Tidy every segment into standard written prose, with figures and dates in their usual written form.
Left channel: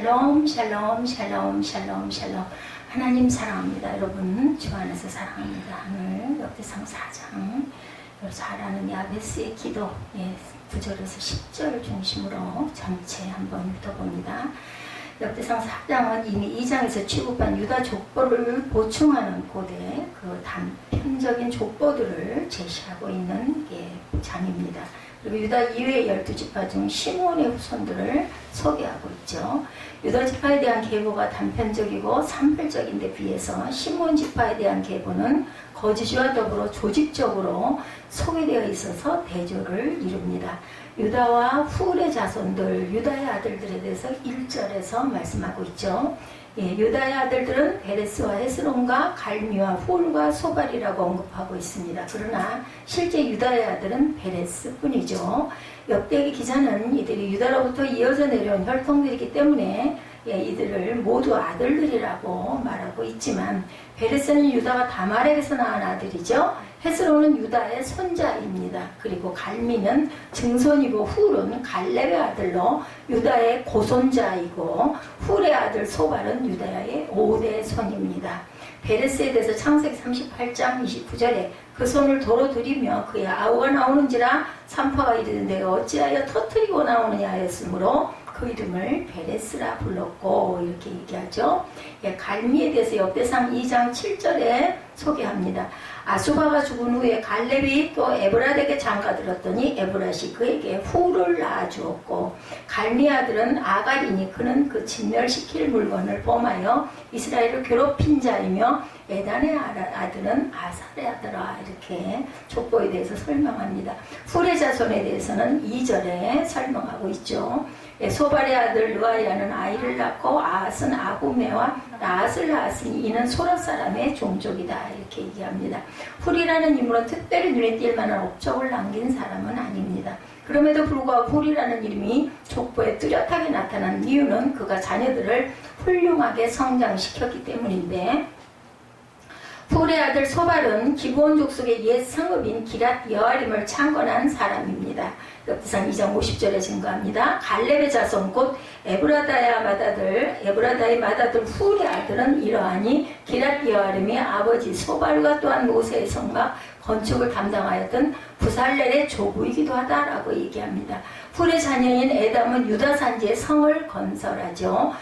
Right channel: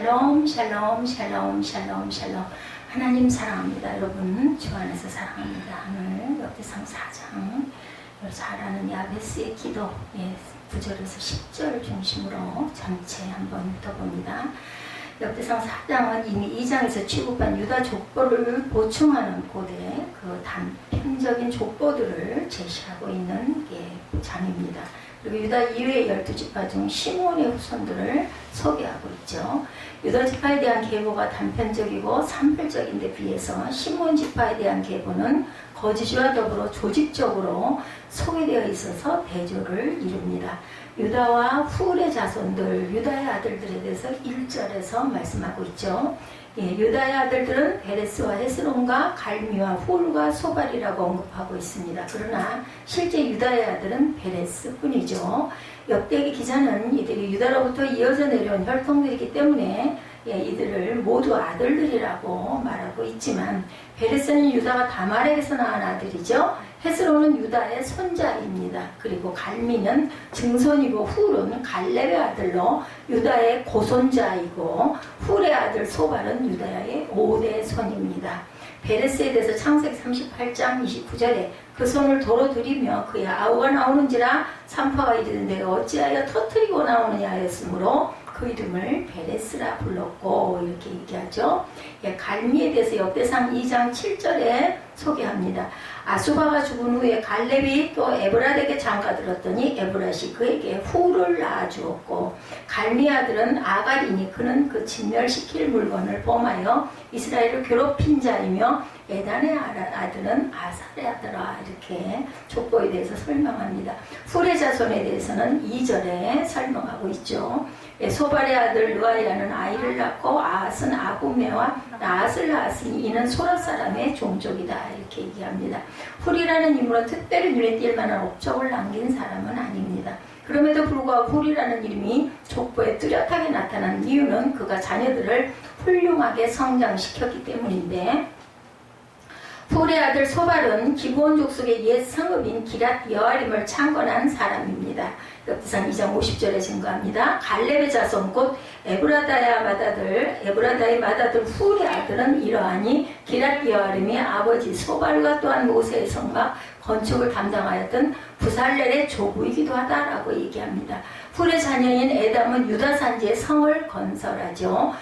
샬롬 샬롬 샬롬 샬롬 샬롬. 하나님 사랑합니다. 여러분 주 안에서 사랑합니다. 오늘 역대상 4장 잘하는 야베스의 기도 9절에서 10절 중심으로 전체 한번 읽어봅니다. 역대상 4장은 이미 2장에서 취급한 유다 족보를 보충하는 고대 그 단편적인 족보들을 제시하고 있는 장입니다. 그리고 유다 이외의 12지파 중 시므온의 후손들을 소개하고 있죠. 유다 지파에 대한 계보가 단편적이고 산별적인데 비해서 시므온 지파에 대한 계보는 거주지와 더불어 조직적으로 소개되어 있어서 대조를 이룹니다. 유다와 후울의 자손들, 유다의 아들들에 대해서 1절에서 말씀하고 있죠. 유다의 아들들은 베레스와 헤스론과 갈미와 후울과 소발이라고 언급하고 있습니다. 그러나 실제 유다의 아들은 베레스뿐이죠. 역대기 기자는 이들이 유다로부터 이어져 내려온 혈통들이기 때문에 이들을 모두 아들들이라고 말하고 있지만 베레스는 유다가 다말에게서 낳은 아들이죠. 헤스론은 유다의 손자입니다. 그리고 갈미는 증손이고 후울은 갈렙의 아들로 유다의 고손자이고 후울의 아들 소발은 유다의 5대 손입니다. 베레스에 대해서 창세기 38장 29절에 그 손을 도로 들이며 그의 아우가 나오는지라 산파가 이르되 내가 어찌하여 터뜨리고 나오느냐 하였으므로 그 이름을 베레스라 불렀고 이렇게 얘기하죠. 갈미에 대해서 역대상 2장 7절에 소개합니다. 아수바가 죽은 후에 갈렙이 또 에브라에게 장가들었더니 에브라시 그에게 후를 낳아주었고 갈미 아들은 아갈이니 그는 그 진멸시킬 물건을 범하여 이스라엘을 괴롭힌 자이며 에단의 아들은 아살의 아들아 이렇게 족보에 대해서 설명합니다. 후의 자손에 대해서는 2절에 설명하고 있죠. 소발의 아들 르아야는 아이를 낳고 아앗은 아후메와 나앗을 낳았으니 이는 소라 사람의 종족이다 이렇게 얘기합니다. 훌이라는 인물은 특별히 눈에 띌 만한 업적을 남긴 사람은 아닙니다. 그럼에도 불구하고 훌이라는 이름이 족보에 뚜렷하게 나타난 이유는 그가 자녀들을 훌륭하게 성장시켰기 때문인데 훌의 아들 소발은 기브온 족속의 옛 성읍인 기랏 여아림을 창건한 사람입니다. 역대상 2장 50절에 증거합니다. 갈렙의 자손 곧 에브라다의 맏아들 훌의 아들은 이러하니 기랏 여아림의 아버지 소발과 또한 모세의 성막 건축을 담당하였던 부살렐의 조부이기도 하다라고 얘기합니다. 훌의 자녀인 에담은 유다 산지에 성을 건설하죠.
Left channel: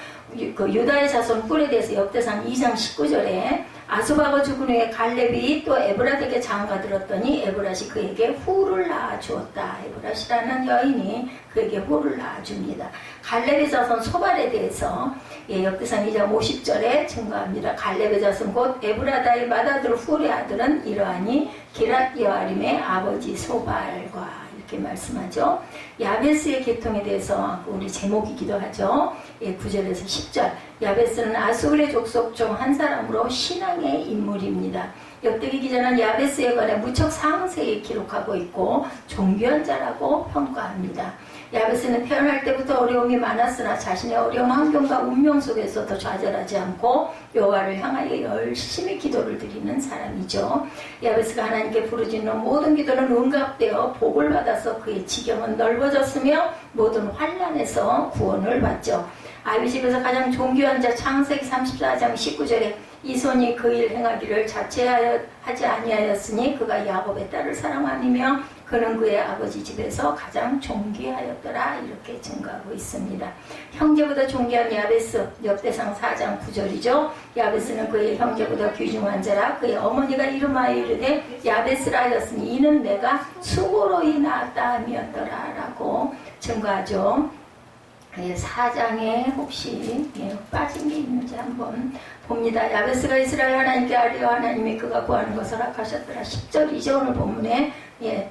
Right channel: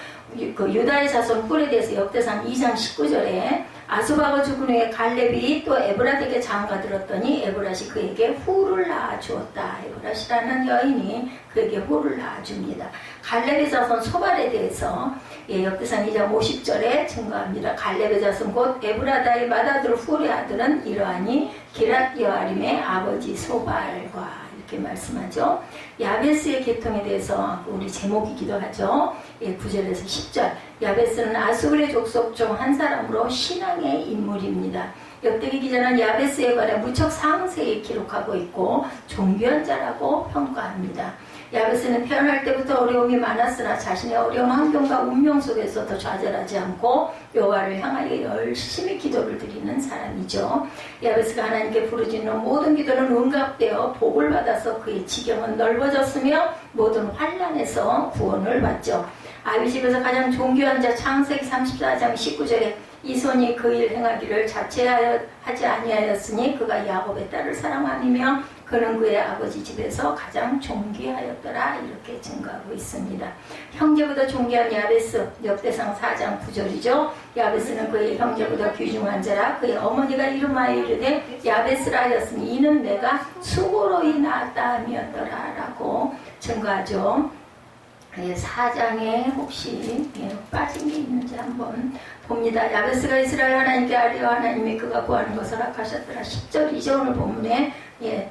그 유다의 자손 훌에 대해서 역대상 2장 19절에 아수바가 죽은 후에 갈렙이 또 에브라에게 장가들었더니 에브라시 그에게 후를 낳아주었다. 에브라시라는 여인이 그에게 후를 낳아줍니다. 갈렙의 자손 소발에 대해서 역대상 2장 50절에 증거합니다. 갈렙의 자손 곧 에브라다의 맏아들 후의 아들은 이러하니 기랏 여아림의 아버지 소발과 이렇게 말씀하죠. 야베스의 계통에 대해서 우리 제목이기도 하죠. 9절에서 10절. 야베스는 아수르의 족속 중 한 사람으로 신앙의 인물입니다. 역대기 기자는 야베스에 관해 무척 상세히 기록하고 있고 존귀한 자라고 평가합니다. 야베스는 태어날 때부터 어려움이 많았으나 자신의 어려운 환경과 운명 속에서도 좌절하지 않고 여호와를 향하여 열심히 기도를 드리는 사람이죠. 야베스가 하나님께 부르짖는 모든 기도는 응답되어 복을 받아서 그의 지경은 넓어졌으며 모든 환난에서 구원을 받죠. 아비 집에서 가장 존귀한 자 창세기 34장 19절에 이 손이 그 일 행하기를 자체하지 아니하였으니 그가 야곱의 딸을 사랑하며 그는 그의 아버지 집에서 가장 존귀하였더라 이렇게 증거하고 있습니다. 형제보다 존귀한 야베스 역대상 4장 9절이죠. 야베스는 그의 형제보다 귀중한 자라 그의 어머니가 이름하여 이르되 야베스라 하였으니 이는 내가 수고로이 낳았다 함이었더라 라고 증거하죠. 4장에 혹시 빠진 게 있는지 한번 봅니다. 야베스가 이스라엘 하나님께 아뢰어 하나님이 그가 구하는 것을 허락하셨더라. 10절 이제 오늘 본문에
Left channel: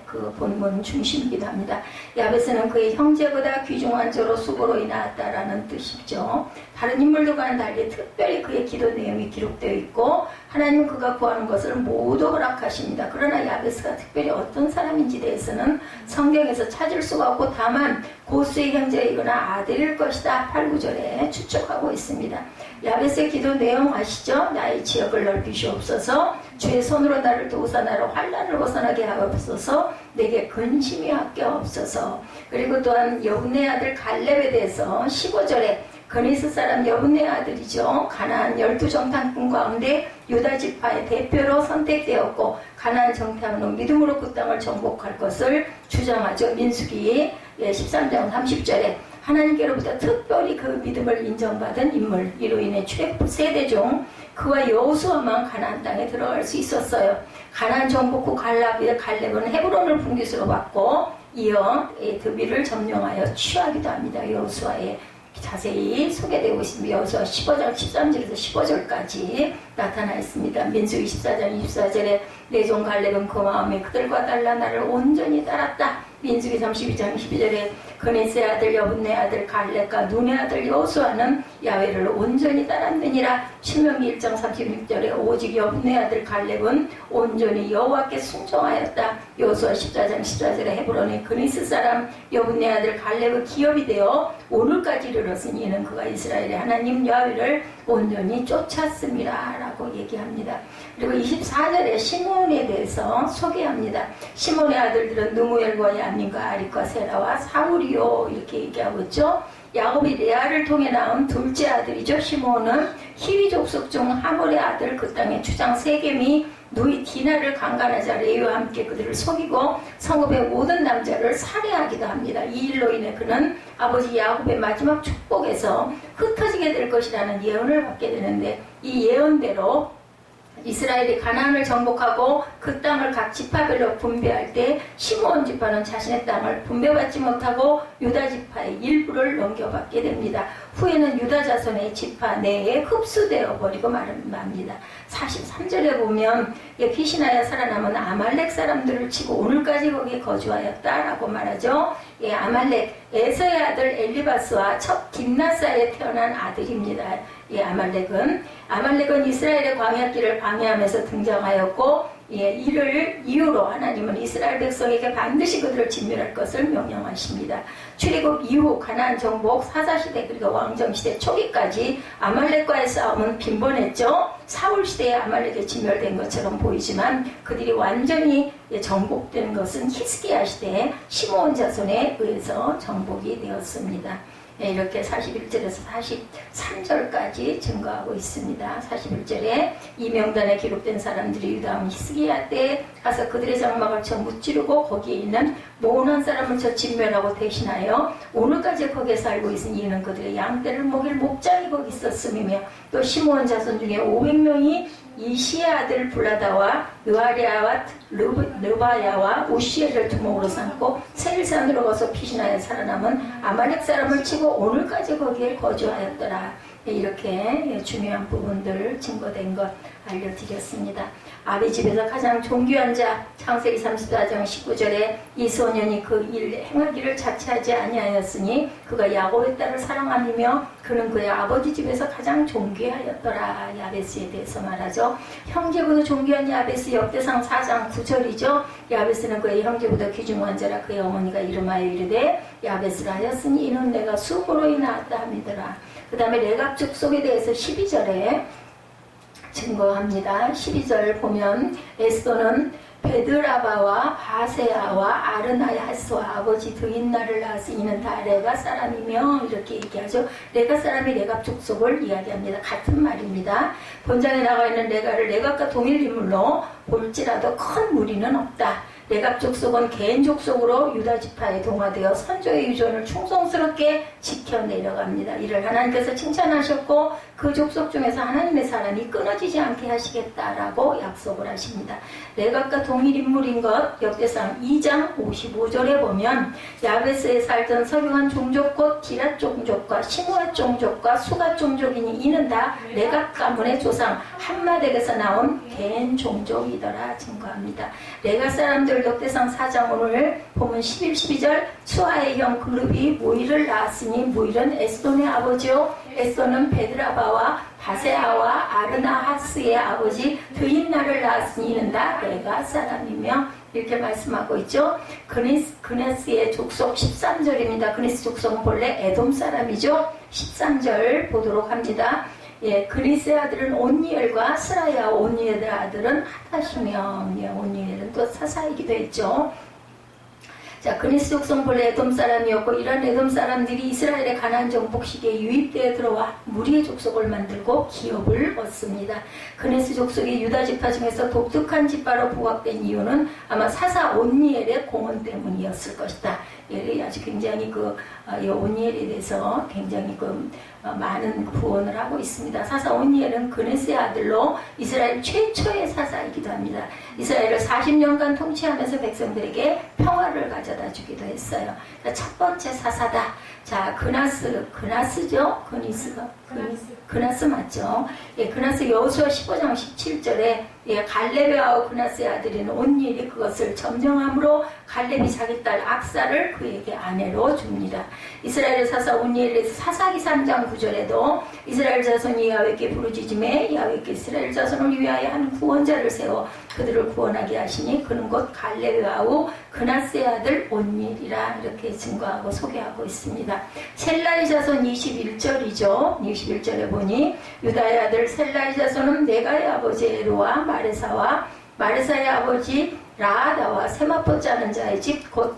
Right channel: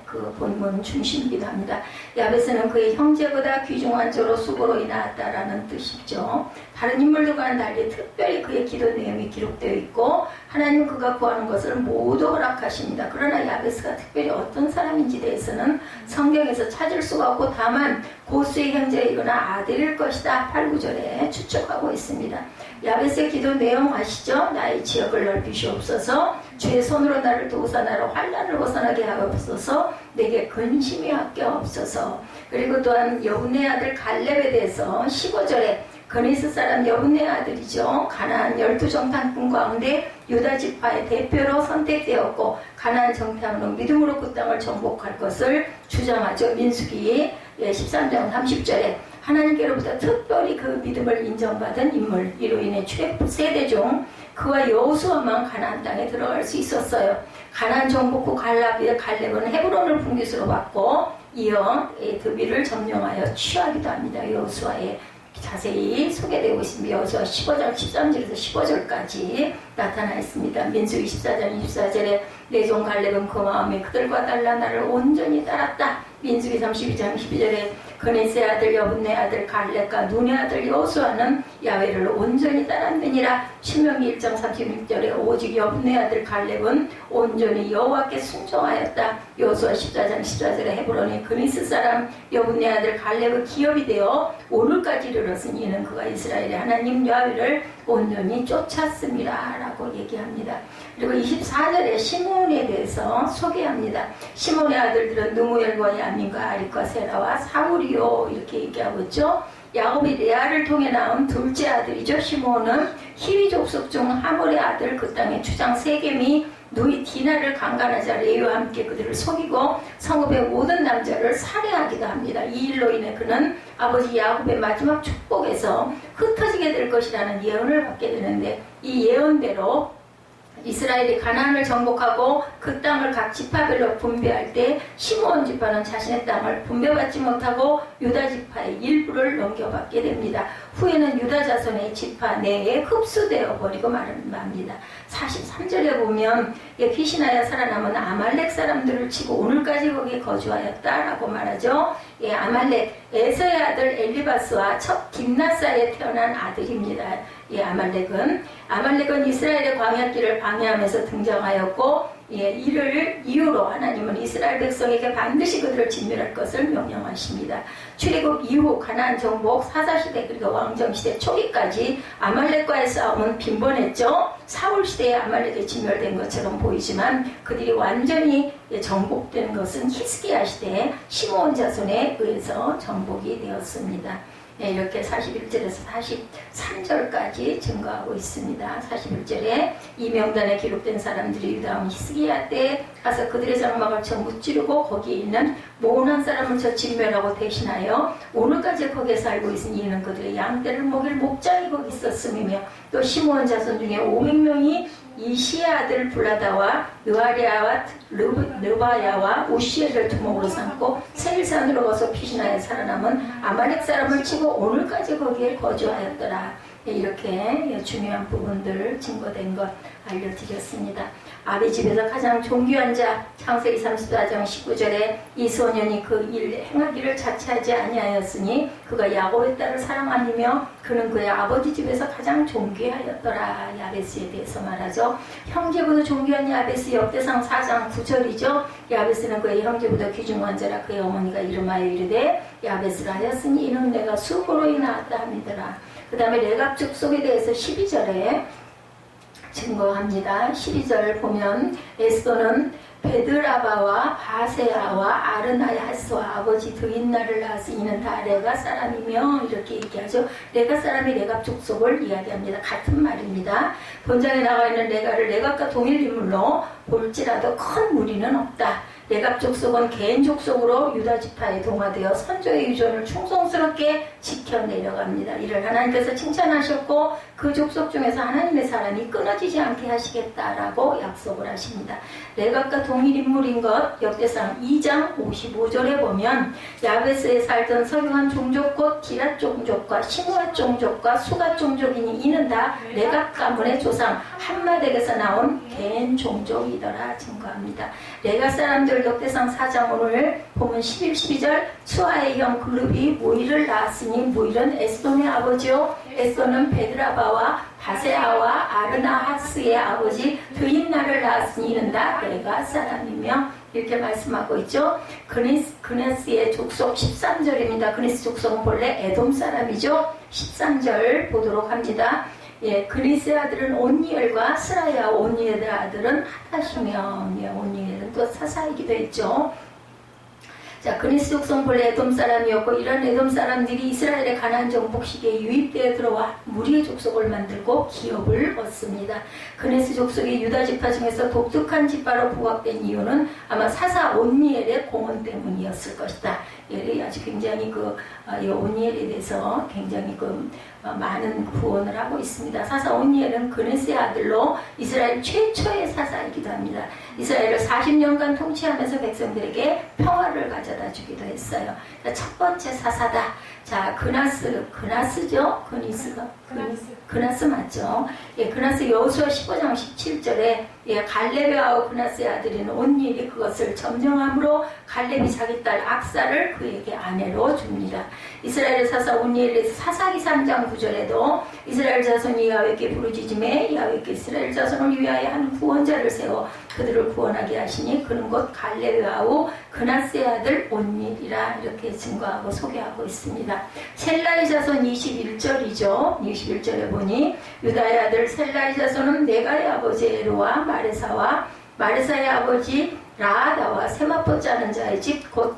그 본문 중심이기도 합니다. 야베스는 그의 형제보다 귀중한 자로 수고로 낳았다라는 뜻이죠. 다른 인물들과는 달리 특별히 그의 기도 내용이 기록되어 있고 하나님은 그가 구하는 것을 모두 허락하십니다. 그러나 야베스가 특별히 어떤 사람인지 대해서는 성경에서 찾을 수가 없고 다만 고수의 형제이거나 아들일 것이다 8, 9절에 추측하고 있습니다. 야베스의 기도 내용 아시죠? 나의 지역을 넓히시옵소서 주의 손으로 나를 도우사 나를 환난을 벗어나게 하옵소서 내게 근심이 아껴 없어서. 그리고 또한 여분의 아들 갈렙에 대해서 15절에 그니스 사람 여분의 아들이죠. 가나안 12정탐꾼 가운데 유다 지파의 대표로 선택되었고 가나안 정탐으로 믿음으로 그 땅을 정복할 것을 주장하죠. 민수기 13장 30절에 하나님께로부터 특별히 그 믿음을 인정받은 인물, 이로 인해 출애굽 세대 중 그와 여호수아만 가나안 땅에 들어갈 수 있었어요. 가나안 정복 후 갈렙은 헤브론을 분깃으로 받고 이어 드빌을 점령하여 취하기도 합니다. 여호수아에 자세히 소개되고 있습니다. 여호수아 15장 13절에서 15절까지 나타나 있습니다. 민수기 14장 24절에 내 종 갈렙은 그 마음에 그들과 달라 나를 온전히 따랐다. 민수기 32장 12절에 그네스의 아들 여분네 아들 갈렙과 눈의 아들 여호수아는 야훼를 온전히 따랐느니라. 신명기 1장 36절에 오직 여분네 아들 갈렙은 온전히 여호와께 순종하였다. 여호수아 14장 14절에 헤브론의 그니스 사람 여분네 아들 갈렙의 기업이 되어 오늘까지 이르렀으니 이는 그가 이스라엘의 하나님 야훼를 온전히 쫓았습니다 라고 얘기합니다. 그리고 24절에 시므온에 대해서 소개합니다. 시므온의 아들들은 느무엘과 야민과 아릭과 세라와 사울이요 이렇게 얘기하고 있죠. 야곱이 레아를 통해 낳은 둘째 아들이죠. 시므온은 히위 족속 중 하몰의 아들, 그 땅의 주장 세겜이 누이 디나를 강간하자 레위와 함께 그들을 속이고 성읍의 모든 남자를 살해하기도 합니다. 이 일로 인해 그는 아버지 야곱의 마지막 축복에서 흩어지게 될 것이라는 예언을 받게 되는데, 이 예언대로 이스라엘이 가나안을 정복하고 그 땅을 각 지파별로 분배할 때 시므온 지파는 자신의 땅을 분배받지 못하고 유다 지파의 일부를 넘겨받게 됩니다. 후에는 유다 자손의 지파 내에 흡수되어 버리고 맙니다. 43절에 보면 피신하여 살아남은 아말렉 사람들을 치고 오늘까지 거기에 거주하였다라고 말하죠. 아말렉 에서의 아들 엘리바스와 첫 딥나사에 태어난 아들입니다. 아말렉은 이스라엘의 광야길을 방해하면서 등장하였고, 이를 이유로 하나님은 이스라엘 백성에게 반드시 그들을 진멸할 것을 명령하십니다. 출애굽 이후 가나안 정복 사사시대 그리고 왕정시대 초기까지 아말렉과의 싸움은 빈번했죠. 사울시대에 아말렉이 진멸된 것처럼 보이지만 그들이 완전히 정복된 것은 히스기야 시대에 시므온 자손에 의해서 정복이 되었습니다. 이렇게 41절에서 43절까지 증거하고 있습니다. 41절에 이 명단에 기록된 사람들이 유다왕 히스기야 때 가서 그들의 장막을 쳐 무찌르고 거기에 있는 모난 사람을 쳐 진멸하고 대신하여 오늘까지 거기에 살고 있으니 이는 그들의 양떼를 먹일 목장이 거기 있었음이며, 또 시므온 자손 중에 500명이 이시의 아들 블라다와 느아리아와 르바야와 우시엘을 두목으로 삼고 세일산으로 가서 피신하여 살아남은 아말렉 사람을 치고 오늘까지 거기에 거주하였더라. 이렇게 중요한 부분들 증거된 것 알려드렸습니다. 아비 집에서 가장 존귀한 자, 창세기 34장 19절에 이 소년이 그 일 행하기를 자체하지 아니하였으니 그가 야곱의 딸을 사랑하며 그는 그의 아버지 집에서 가장 존귀하였더라. 야베스에 대해서 말하죠. 형제보다 존귀한 야베스, 역대상 4장 9절이죠. 야베스는 그의 형제보다 귀중한 자라. 그의 어머니가 이름하여 이르되 야베스라 하였으니 이는 내가 수고로 낳았다 함이더라. 그 다음에 레갑 족속에 대해서 12절에 증거합니다. 12절 보면 에스더는 베드라바와 바세아와 아르나야스와 아버지 드인나를 낳았으니 이는 다 레가 사람이며 이렇게 얘기하죠. 레가 사람이 레갑 족속을 이야기합니다. 같은 말입니다. 본장에 나와 있는 레가를 레갑과 동일 인물로 볼지라도 큰 무리는 없다. 레갑 족속은 개인 족속으로 유다 지파에 동화되어 선조의 유전을 충성스럽게 지켜 내려갑니다. 이를 하나님께서 칭찬하셨고 그 족속 중에서 하나님의 사람이 끊어지지 않게 하시겠다라고 약속을 하십니다. 레갑과 동일 인물인 것 역대상 2장 55절에 보면 야베스에 살던 서유한 종족 곧 기랏 종족과 시므앗 종족과 수갓 종족이니 이는 다 레갑 가문의 조상 한마덱에서 나온 개인 종족이더라 증거합니다. 레갑 사람들 역대상 4장 오늘 보면 11, 12절 수아의 형 글룹이 모이를 낳았으니 모일은 에스돈의 아버지요 에스돈은 베드라바와 바세아와 아르나하스의 아버지 드인나를 낳았으니 이는 다 레가 사람이며 이렇게 말씀하고 있죠. 그네스의 족속 13절입니다. 그네스 족속은 본래 에돔 사람이죠. 13절 보도록 합니다. 그리스의 아들은 온니엘과 스라야, 온니엘의 아들은 하다시며 온니엘은 또 사사이기도 했죠. 자, 그니스 족속 본래 에돔 사람이었고 이런 에돔 사람들이 이스라엘의 가나안 정복식에 유입되어 들어와 무리의 족속을 만들고 기업을 얻습니다. 그니스 족속이 유다 지파 중에서 독특한 지파로 부각된 이유는 아마 사사 온니엘의 공헌 때문이었을 것이다. 예, 아주 굉장히 이 온니엘에 대해서 굉장히 많은 구원을 하고 있습니다. 사사 온니엘은 그네스의 아들로 이스라엘 최초의 사사이기도 합니다. 이스라엘을 40년간 통치하면서 백성들에게 평화를 가져다 주기도 했어요. 자, 첫 번째 사사다. 자, 그나스죠? 그나스 맞죠? 예, 그나스 여호수아 15장 17절에 예, 갈렙의 아우 그나스의 아들인 온니엘이 그것을 점령함으로 갈렙이 자기 딸 악사를 그에게 아내로 줍니다. 이스라엘 사사 온니엘의 사사기 3장 9절에도 이스라엘 자손이 야훼께 부르짖음에 야훼께 이스라엘 자손을 위하여 한 구원자를 세워 그들을 구원하게 하시니 그는 곧 갈렙의 아우 그나스의 아들 온니엘이라 이렇게 증거하고 소개하고 있습니다. 셀라의 자손 21절이죠. 21절에 보니 유다의 아들 셀라의 자손은 네가의 아버지 에로와 마레사와 마레사의 아버지 라하다와 세마포 짜는 자의 집 곧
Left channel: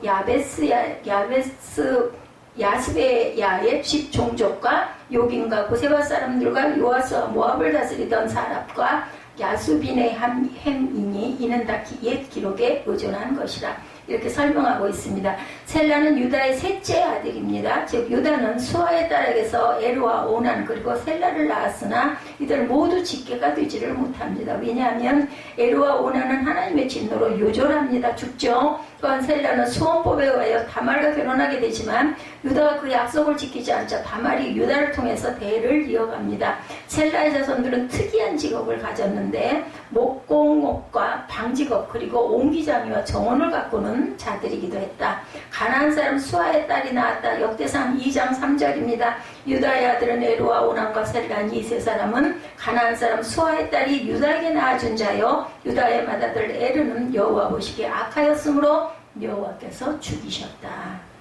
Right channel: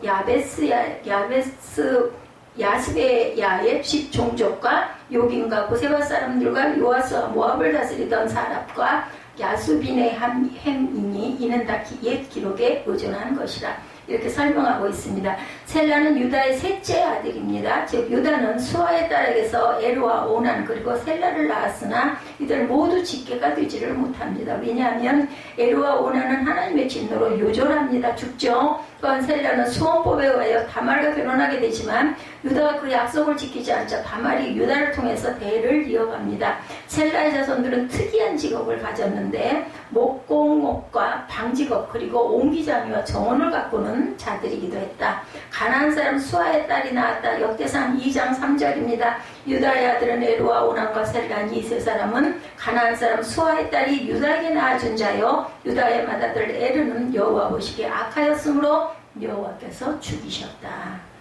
야스베야의 집 종족과 요긴과 고세바 사람들과 요아스와 모압을 다스리던 사랍과 야수빈의 햄이니 이는 다 옛 기록에 의존한 것이라 이렇게 설명하고 있습니다. 셀라는 유다의 셋째 아들입니다. 즉 유다는 수아의 딸에게서 에르와 오난 그리고 셀라를 낳았으나 이들 모두 직계가 되지를 못합니다. 왜냐하면 에르와 오난은 하나님의 진노로 요절합니다. 죽죠. 또한 셀라는 수원법에 의하여 다말과 결혼하게 되지만 유다가 그 약속을 지키지 않자 다말이 유다를 통해서 대를 이어갑니다. 셀라의 자손들은 특이한 직업을 가졌는데 목공업과 방직업 그리고 옹기장이와 정원을 가꾸는 자들이기도 했다. 가나안 사람 수아의 딸이 낳았다. 역대상 2장 3절입니다. 유다의 아들은 에르와 오난과 셀라니 이 세 사람은 가나안 사람 수아의 딸이 유다에게 낳아준 자요 유다의 맏아들 에르는 여호와 보시기에 악하였으므로 여호와께서 죽이셨다.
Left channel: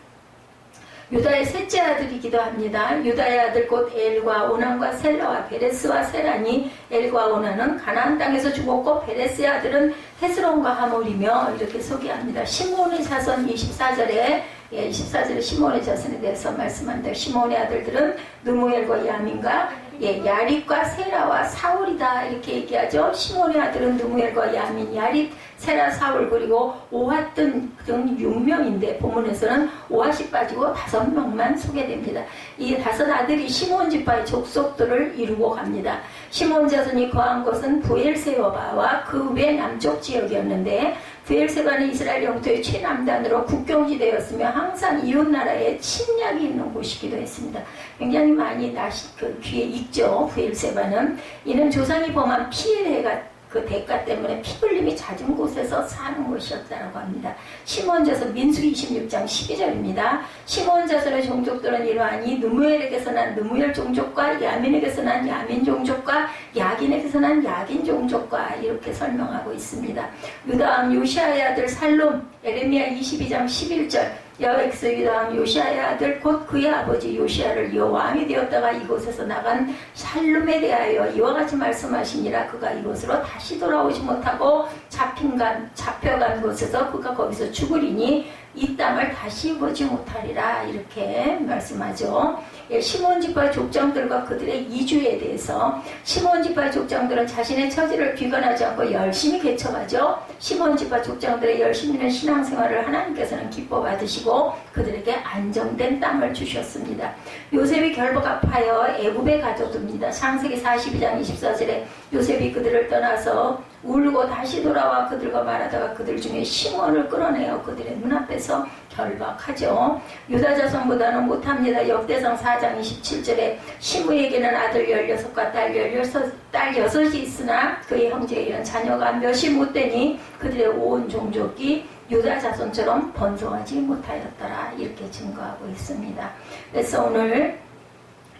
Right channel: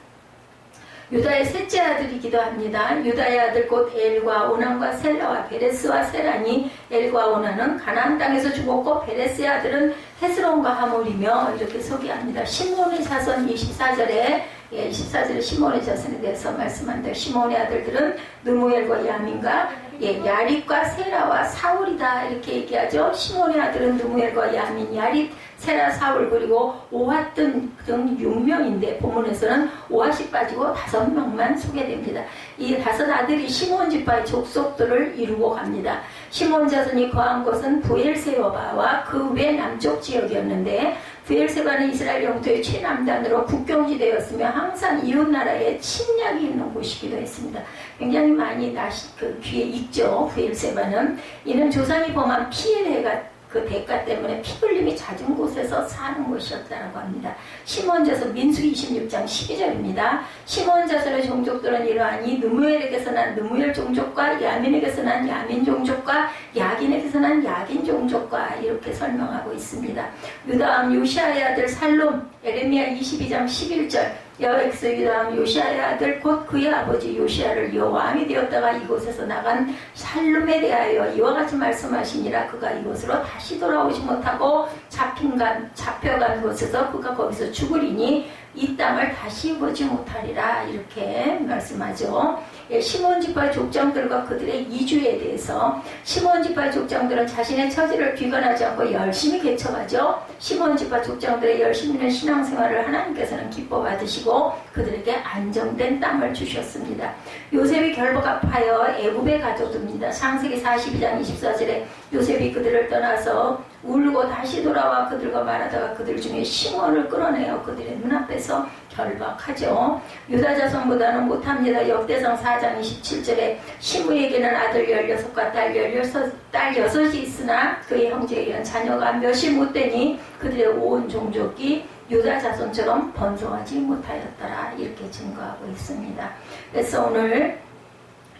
유다의 셋째 아들이기도 합니다. 유다의 아들 곧 엘과 오난과 셀라와 베레스와 세라니 엘과 오난은 가나안 땅에서 죽었고 베레스의 아들은 헤스론과 하몰이며 이렇게 소개합니다. 시몬의 자손 24절에 24절에 시몬의 자손에 대해서 말씀합니다. 시몬의 아들들은 누무엘과 야민과 야립과 세라와 사울이다 이렇게 얘기하죠. 시몬의 아들은 누무엘과 야민, 야립, 세라, 사울 그리고 오핫 등 6명인데 본문에서는 오핫이 빠지고 5명만 소개됩니다. 이 5 아들이 시몬 지파의 족속들을 이루고 갑니다. 시몬 자손이 거한 곳은 부엘세바와 그 외 남쪽 지역이었는데 부엘세바는 이스라엘 영토의 최남단으로 국경지대였으며 항상 이웃나라에 침략이 있는 곳이기도 했습니다. 굉장히 많이 귀에 있죠. 부엘세바는 이는 조상이 범한 피해가 그 대가 때문에 피 흘림이 잦은 곳에서 사는 것이었다고 합니다. 시몬 자손 민수기 26장 12절입니다. 시몬 자손의 종족들은 이러하니 느무엘에게서 난 느무엘 종족과 야민에게서 난 야민 종족과 야긴에게서 난 야긴 종족과 이렇게 설명하고 있습니다. 유다왕 요시아의 아들 살롬 에레미야 22장 11절 여호와께서 유다왕 요시아의 아들 곧 그의 아버지 요시아를 여호왕이 되었다가 이곳에서 나간 살룸에 대하여 이와 같이 말씀하시니라. 그가 이곳으로 다시 돌아오지 못하고 잡혀간 곳에서 그가 거기서 죽으리니 이 땅을 다시 보지 못하리라 이렇게 말씀하죠. 시몬 지파의 족장들과 그들의 이주에 대해서 시몬 지파의 족장들은 자신의 처지를 비관하지 않고 열심히 개척하죠. 시몬 지파 족장들의 열심 있는 신앙생활을 하나님께서는 기뻐 받으시고 그들에게 안정된 땅을 주셨습니다. 요셉이 결박하여 애굽에 가둬둡니다. 창세기 42장 24절에 요셉이 그들을 떠나서 울고 다시 돌아와 그들과 말하다가 그들 중에 시몬을 끌어내어 그들의 눈앞에서 결박하죠. 유다 자손보다는 못합니다. 역대상 4장 27절에 시므에게는 아들 16과 딸 6이 있으나 그의 형제에게는 자녀가 몇이 못되니 그들의 온 종족이 유다 자손처럼 번성하지 못하였더라 이렇게 증거하고 있습니다. 그래서 오늘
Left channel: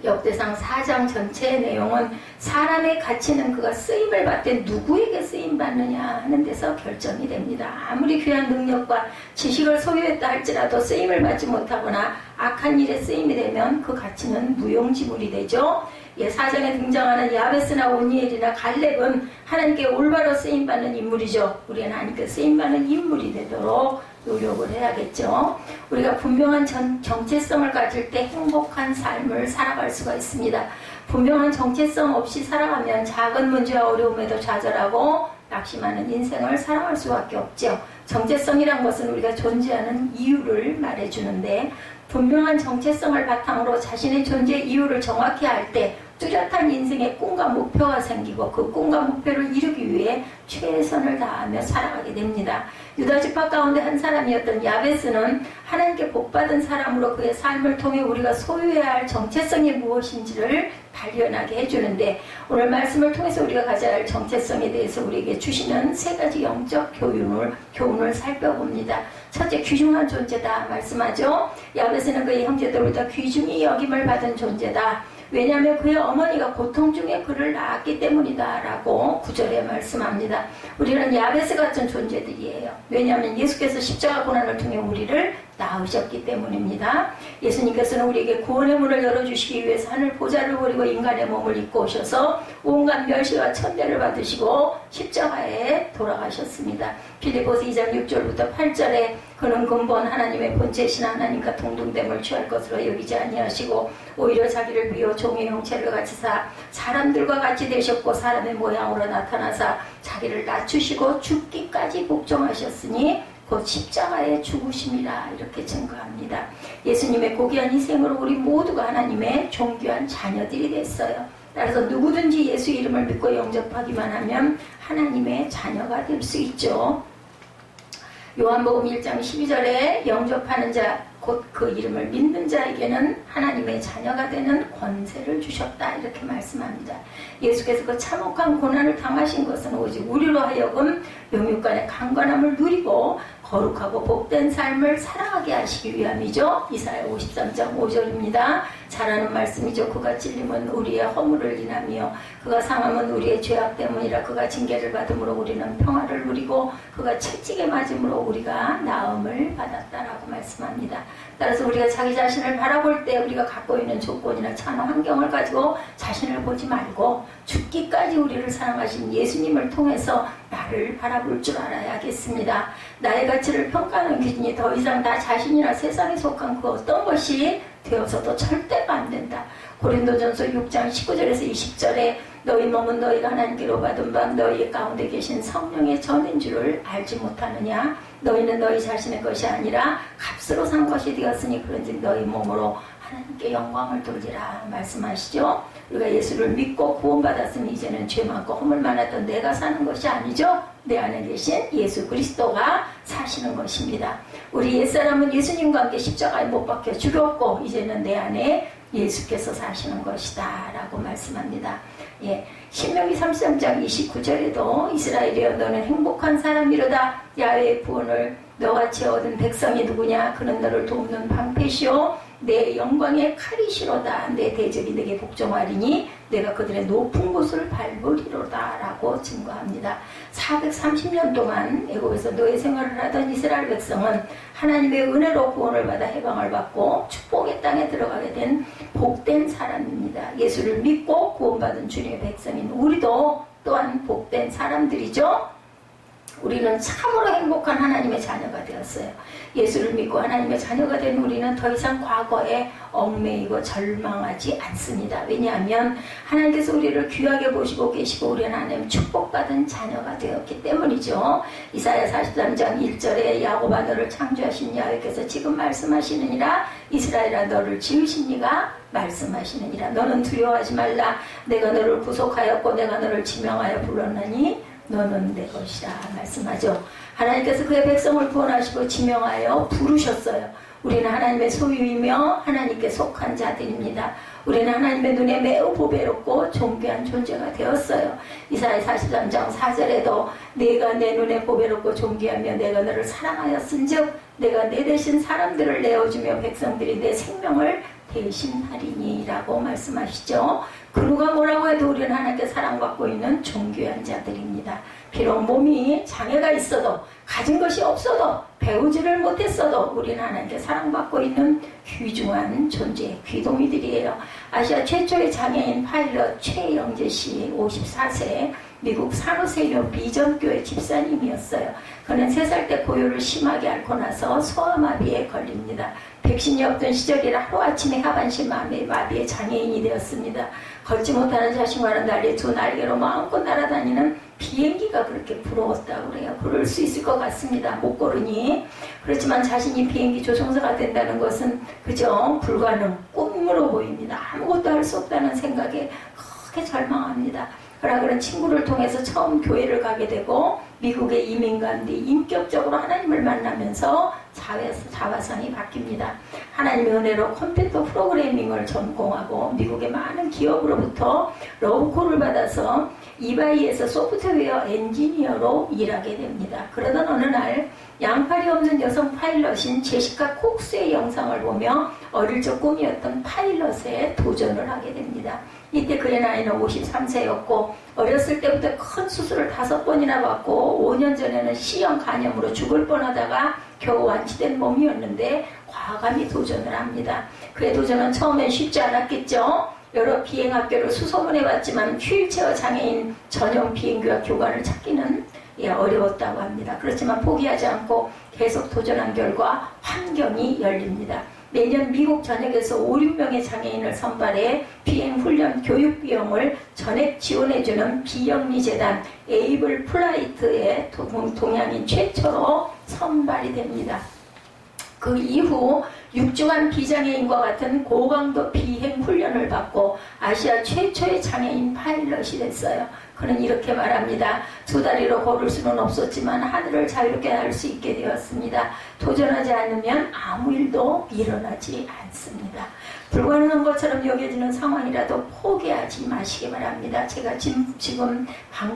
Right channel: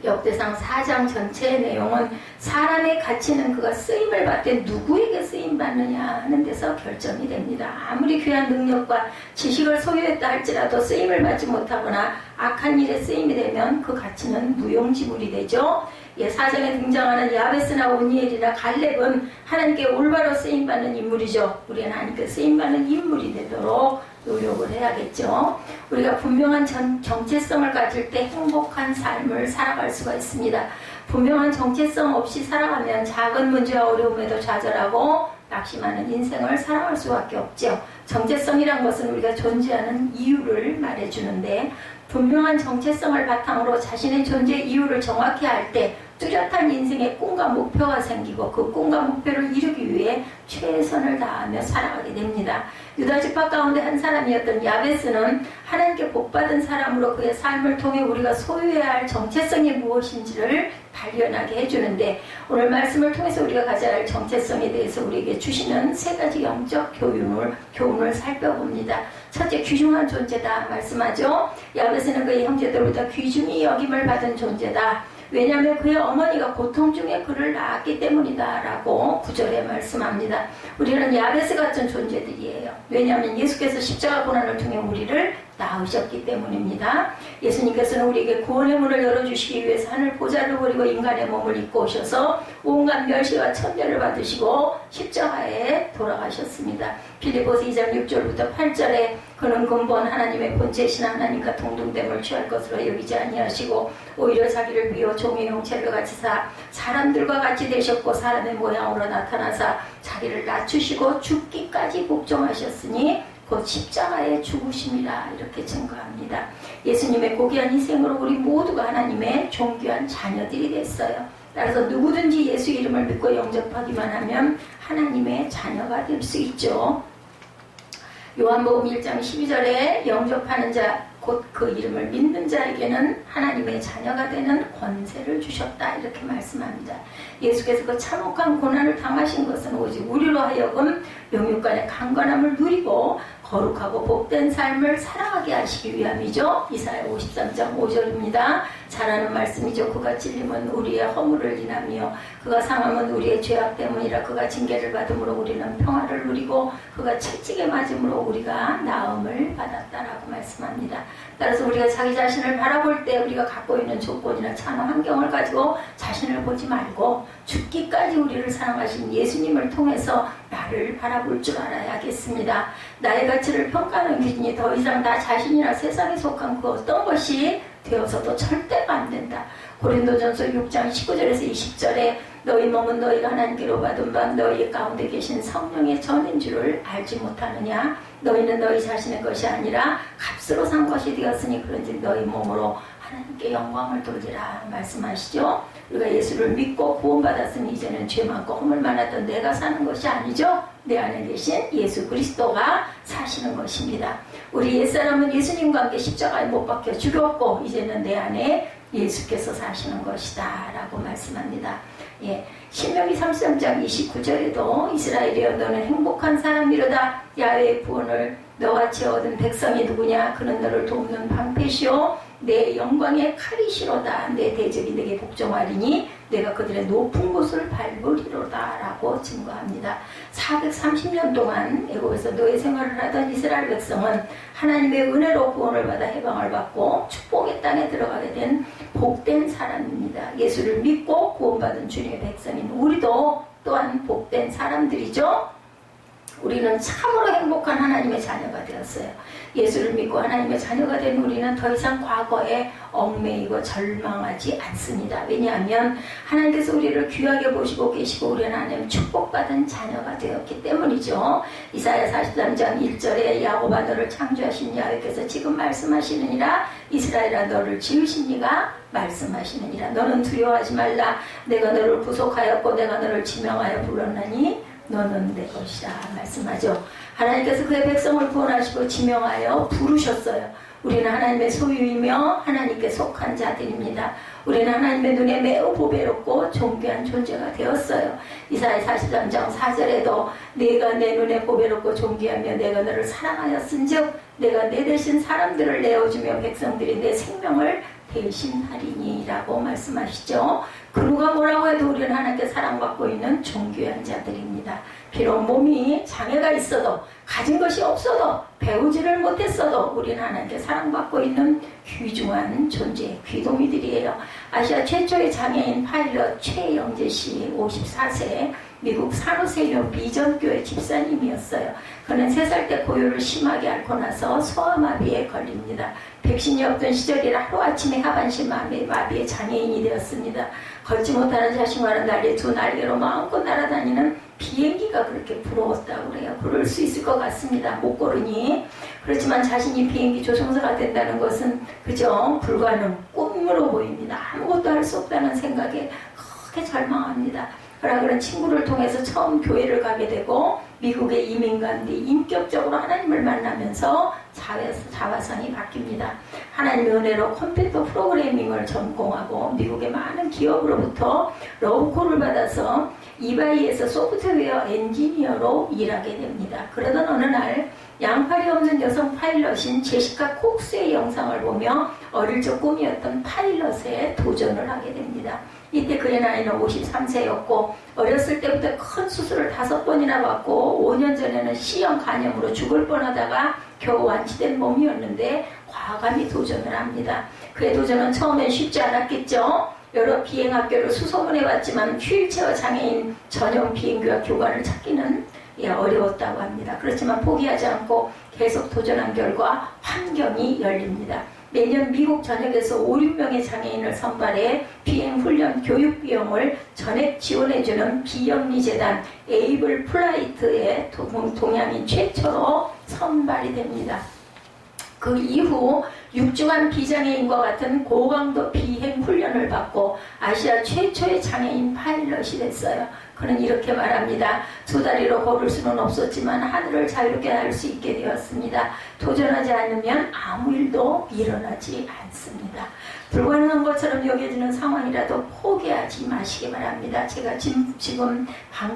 역대상 4장 전체의 내용은 사람의 가치는 그가 쓰임을 받되 누구에게 쓰임받느냐 하는 데서 결정이 됩니다. 아무리 귀한 능력과 지식을 소유했다 할지라도 쓰임을 받지 못하거나 악한 일에 쓰임이 되면 그 가치는 무용지물이 되죠. 사장에 등장하는 야베스나 오니엘이나 갈렙은 하나님께 올바로 쓰임받는 인물이죠. 우리는 하나님께 쓰임받는 인물이 되도록 노력을 해야겠죠. 우리가 분명한 정체성을 가질 때 행복한 삶을 살아갈 수가 있습니다. 분명한 정체성 없이 살아가면 작은 문제와 어려움에도 좌절하고 낙심하는 인생을 살아갈 수밖에 없죠. 정체성이란 것은 우리가 존재하는 이유를 말해주는데, 분명한 정체성을 바탕으로 자신의 존재 이유를 정확히 알 때 뚜렷한 인생의 꿈과 목표가 생기고, 그 꿈과 목표를 이루기 위해 최선을 다하며 살아가게 됩니다. 유다 지파 가운데 한 사람이었던 야베스는 하나님께 복받은 사람으로 그의 삶을 통해 우리가 소유해야 할 정체성이 무엇인지를 발견하게 해주는데, 오늘 말씀을 통해서 우리가 가져야 할 정체성에 대해서 우리에게 주시는 세 가지 영적 교훈을 살펴봅니다. 첫째, 귀중한 존재다 말씀하죠. 야베스는 그의 형제들보다 귀중히 여김을 받은 존재다. 왜냐하면 그의 어머니가 고통 중에 그를 낳았기 때문이다 라고 9절에 말씀합니다. 우리는 야베스 같은 존재들이에요. 왜냐하면 예수께서 십자가 고난을 통해 우리를 낳으셨기 때문입니다. 예수님께서는 우리에게 구원의 문을 열어주시기 위해서 하늘 보좌를 버리고 인간의 몸을 입고 오셔서 온갖 멸시와 천대를 받으시고 십자가에 돌아가셨습니다. 빌립보서 2장 6절부터 8절에 그는 근본 하나님의 본체이신 하나님과 동등됨을 취할 것으로 여기지 아니하시고 오히려 자기를 비워 종의 형체를 가지사 사람들과 같이 되셨고 사람의 모양으로 나타나사 자기를 낮추시고 죽기까지 복종하셨으니 곧 십자가에 죽으심이라 이렇게 증거합니다. 예수님의 고귀한 희생으로 우리 모두가 하나님의 존귀한 자녀들이 됐어요. 따라서 누구든지 예수 이름을 믿고 영접하기만 하면 하나님의 자녀가 될 수 있죠. 요한복음 1장 12절에 영접하는 자 곧 그 이름을 믿는 자에게는 하나님의 자녀가 되는 권세를 주셨다 이렇게 말씀합니다. 예수께서 그 참혹한 고난을 당하신 것은 오직 우리로 하여금 영육간의 강건함을 누리고 거룩하고 복된 삶을 살아가게 하시기 위함이죠. 이사야 53장 5절입니다. 잘하는 말씀이죠. 그가 찔림은 우리의 허물을 인하며 그가 상함은 우리의 죄악 때문이라. 그가 징계를 받음으로 우리는 평화를 누리고 그가 채찍에 맞음으로 우리가 나음을 받았다라고 말씀합니다. 따라서 우리가 자기 자신을 바라볼 때 우리가 갖고 있는 조건이나 처한 환경을 가지고 자신을 보지 말고 죽기까지 우리를 사랑하신 예수님을 통해서 나를 바라볼 줄 알아야겠습니다. 나의 가치를 평가하는 기준이 더 이상 나 자신이나 세상에 속한 그 어떤 것이 되어서도 절대가 안 된다. 고린도전서 6장 19절에서 20절에 너희 몸은 너희가 하나님께로 받은 바 너희 가운데 계신 성령의 전인 줄을 알지 못하느냐. 너희는 너희 자신의 것이 아니라 값으로 산 것이 되었으니 그런지 너희 몸으로 하나님께 영광을 돌리라 말씀하시죠. 우리가 예수를 믿고 구원받았으니 이제는 죄 많고 허물 많았던 내가 사는 것이 아니죠. 내 안에 계신 예수 그리스도가 사시는 것입니다. 우리 옛사람은 예수님과 함께 십자가에 못 박혀 죽었고 이제는 내 안에 예수께서 사시는 것이다 라고 말씀합니다. 예, 신명기 33장 29절에도 이스라엘이여 너는 행복한 사람이로다. 야훼의 구원을 너같이 얻은 백성이 누구냐. 그는 너를 돕는 방패시오 내 영광의 칼이시로다. 내 대적이 내게 복종하리니 내가 그들의 높은 곳을 밟으리로다 라고 증거합니다. 430년 동안 애굽에서 노예 생활을 하던 이스라엘 백성은 하나님의 은혜로 구원을 받아 해방을 받고 축복의 땅에 들어가게 된 복된 사람입니다. 예수를 믿고 구원받은 주님의 백성인 우리도 또한 복된 사람들이죠. 우리는 참으로 행복한 하나님의 자녀가 되었어요. 예수를 믿고 하나님의 자녀가 된 우리는 더 이상 과거에 얽매이고 절망하지 않습니다. 왜냐하면 하나님께서 우리를 귀하게 보시고 계시고 우리는 하나님 축복받은 자녀가 되었기 때문이죠. 이사야 43장 1절에 야곱아 너를 창조하신 야훼께서 지금 말씀하시느니라. 이스라엘아 너를 지으신 이가 말씀하시느니라. 너는 두려워하지 말라. 내가 너를 구속하였고 내가 너를 지명하여 불렀나니 너는 내 것이라 말씀하죠. 하나님께서 그의 백성을 구원하시고 지명하여 부르셨어요. 우리는 하나님의 소유이며 하나님께 속한 자들입니다. 우리는 하나님의 눈에 매우 보배롭고 존귀한 존재가 되었어요. 이사야 43장 4절에도 내가 내 눈에 보배롭고 존귀하며 내가 너를 사랑하였은즉 내가 내 대신 사람들을 내어주며 백성들이 내 생명을 대신하리니 라고 말씀하시죠. 그 누가 뭐라고 누구와도 우리는 하나님께 사랑받고 있는 존귀한 자들입니다. 비록 몸이 장애가 있어도 가진 것이 없어도 배우지를 못했어도 우리는 하나님께 사랑받고 있는 귀중한 존재, 귀도미들이에요. 아시아 최초의 장애인 파일럿 최영재 씨 54세 미국 산호세교 비전교회 집사님이었어요. 그는 3살 때 고요를 심하게 앓고 나서 소아마비에 걸립니다. 백신이 없던 시절이라 하루아침에 하반신 마비의 장애인이 되었습니다. 걷지 못하는 자신과는 달리 두 날개로 마음껏 날아다니는 비행기가 그렇게 부러웠다고 그래요. 그럴 수 있을 것 같습니다. 못 고르니. 그렇지만 자신이 비행기 조종사가 된다는 것은 그저 불가능, 꿈으로 보입니다. 아무것도 할 수 없다는 생각에 크게 절망합니다. 그러나 그런 친구를 통해서 처음 교회를 가게 되고 미국에 이민 간 뒤 인격적으로 하나님을 만나면서 자화상이 바뀝니다. 하나님의 은혜로 컴퓨터 프로그래밍을 전공하고 미국의 많은 기업으로부터 러브콜을 받아서 이바이에서 소프트웨어 엔지니어로 일하게 됩니다. 그러던 어느 날 양팔이 없는 여성 파일럿인 제시카 콕스의 영상을 보며 어릴 적 꿈이었던 파일럿에 도전을 하게 됩니다. 이때 그의 나이는 53세였고 어렸을 때부터 큰 수술을 5번이나 받고 5년 전에는 C형 간염으로 죽을 뻔하다가 겨우 완치된 몸이었는데 과감히 도전을 합니다. 그의 도전은 처음엔 쉽지 않았겠죠. 여러 비행학교를 수소문해봤지만 휠체어 장애인 전용 비행교와 교관을 찾기는 어려웠다고 합니다. 그렇지만 포기하지 않고 계속 도전한 결과 환경이 열립니다. 매년 미국 전역에서 5, 6명의 장애인을 선발해 비행훈련 교육 비용을 전액 지원해주는 비영리재단 에이블 플라이트의 동양인 최초로 선발이 됩니다. 그 이후 6주간 비장애인과 같은 고강도 비행 훈련을 받고 아시아 최초의 장애인 파일럿이 됐어요. 그는 이렇게 말합니다. 2다리로 걸을 수는 없었지만 하늘을 자유롭게 날 수 있게 되었습니다. 도전하지 않으면 아무 일도 일어나지 않습니다. 불가능한 것처럼 여겨지는 상황이라도 포기하지 마시기 바랍니다. 제가 지금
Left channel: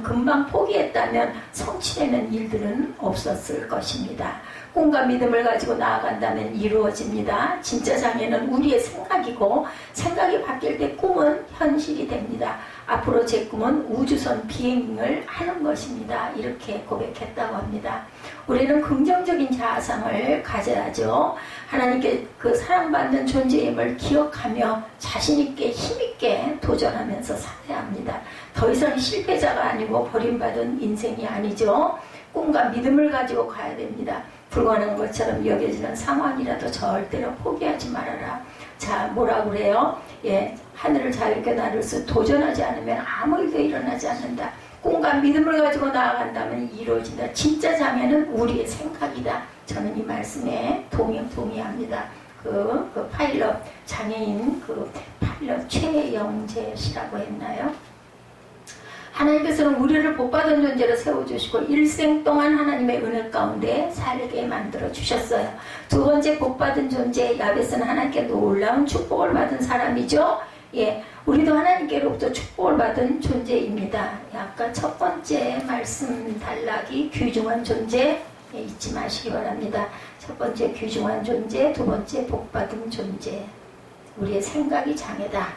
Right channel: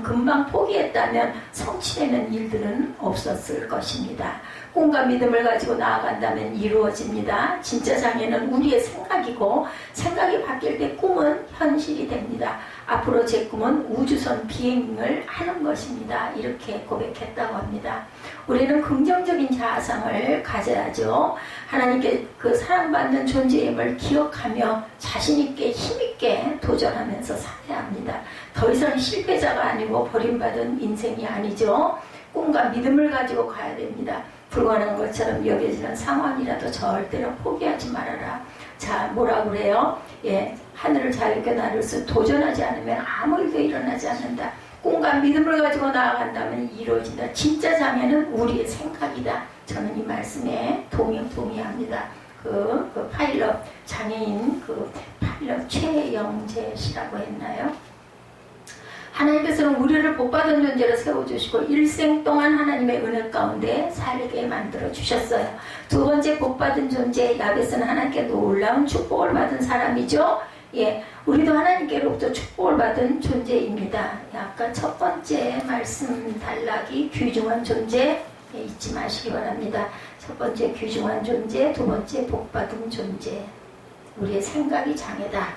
금방 포기했다면 성취되는 일들은 없었을 것입니다. 꿈과 믿음을 가지고 나아간다면 이루어집니다. 진짜 장애는 우리의 생각이고 생각이 바뀔 때 꿈은 현실이 됩니다. 앞으로 제 꿈은 우주선 비행을 하는 것입니다. 이렇게 고백했다고 합니다. 우리는 긍정적인 자아상을 가져야죠. 하나님께 그 사랑받는 존재임을 기억하며 자신있게 힘있게 도전하면서 살아야 합니다. 더 이상 실패자가 아니고 버림받은 인생이 아니죠. 꿈과 믿음을 가지고 가야 됩니다. 불가능한 것처럼 여겨지는 상황이라도 절대로 포기하지 말아라. 자, 뭐라고 그래요? 하늘을 자유롭게 나를 수 도전하지 않으면 아무 일도 일어나지 않는다. 꿈과 믿음을 가지고 나아간다면 이루어진다. 진짜 장애는 우리의 생각이다. 저는 이 말씀에 동의합니다. 그 파일럿 장애인 파일럿 최영재 씨라고 했나요? 하나님께서는 우리를 복받은 존재로 세워주시고 일생 동안 하나님의 은혜 가운데 살게 만들어 주셨어요. 두 번째 복받은 존재 야베스는 하나님께 놀라운 축복을 받은 사람이죠. 우리도 하나님께로부터 축복을 받은 존재입니다. 아까 첫 번째 말씀 단락이 귀중한 존재 잊지 마시기 바랍니다. 첫 번째 귀중한 존재, 두 번째 복받은 존재. 우리의 생각이 장애다.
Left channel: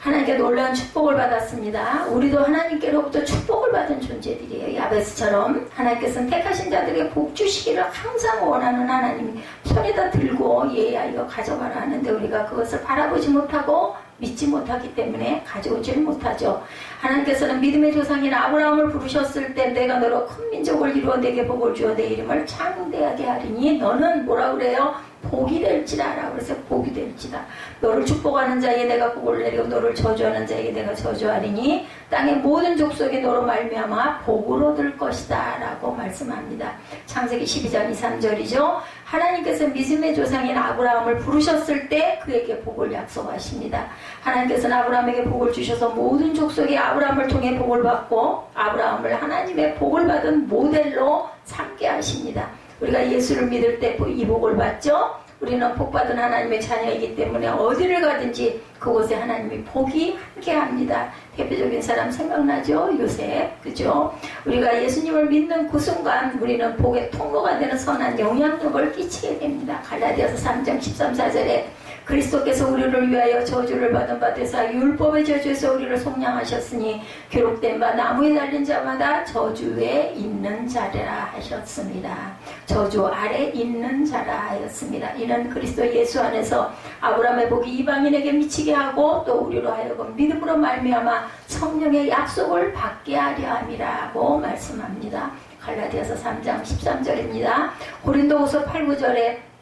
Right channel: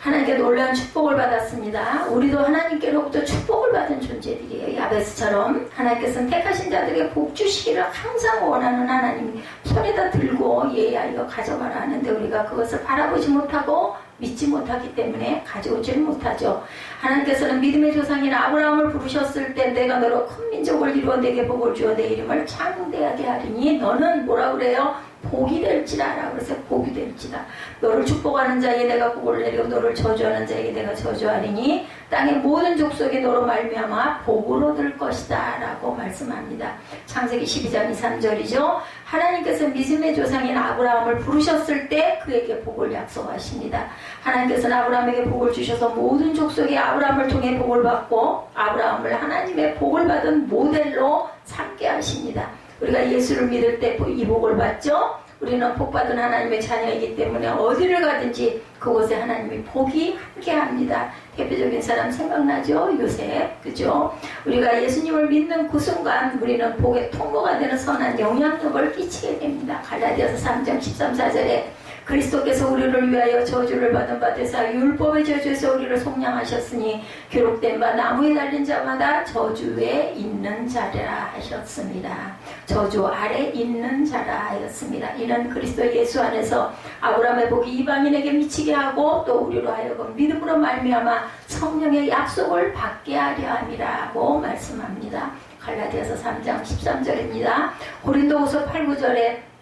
하나님께 놀라운 축복을 받았습니다. 우리도 하나님께로부터 축복을 받은 존재들이에요. 야베스처럼 하나님께서는 택하신 자들에게 복 주시기를 항상 원하는 하나님 손에다 들고 이거 가져가라 하는데 우리가 그것을 바라보지 못하고 믿지 못하기 때문에 가져오지를 못하죠. 하나님께서는 믿음의 조상인 아브라함을 부르셨을 때 내가 너로 큰 민족을 이루어 내게 복을 주어 내 이름을 창대하게 하리니 너는 뭐라 그래요? 복이 될지라 라고 그래서 복이 될지다. 너를 축복하는 자에게 내가 복을 내리고 너를 저주하는 자에게 내가 저주하리니 땅의 모든 족속이 너로 말미암아 복을 얻을 것이다 라고 말씀합니다. 창세기 12장 2, 3절이죠. 하나님께서 믿음의 조상인 아브라함을 부르셨을 때 그에게 복을 약속하십니다. 하나님께서는 아브라함에게 복을 주셔서 모든 족속이 아브라함을 통해 복을 받고 아브라함을 하나님의 복을 받은 모델로 삼게 하십니다. 우리가 예수를 믿을 때 이 복을 받죠. 우리는 복받은 하나님의 자녀이기 때문에 어디를 가든지 그곳에 하나님의 복이 함께합니다. 대표적인 사람 생각나죠? 요셉, 그죠? 우리가 예수님을 믿는 그 순간 우리는 복의 통로가 되는 선한 영향력을 끼치게 됩니다. 갈라디아서 3장 13, 14절에 그리스도께서 우리를 위하여 저주를 받은 바 되사 율법의 저주에서 우리를 속량하셨으니 기록된 바 나무에 달린 자마다 저주에 있는 자라 하셨습니다. 저주 아래 있는 자라 하였습니다. 이는 그리스도 예수 안에서 아브라함의 복이 이방인에게 미치게 하고 또 우리로 하여금 믿음으로 말미암아 성령의 약속을 받게 하려 함이라고 말씀합니다. 갈라디아서 3장 13절입니다. 고린도후서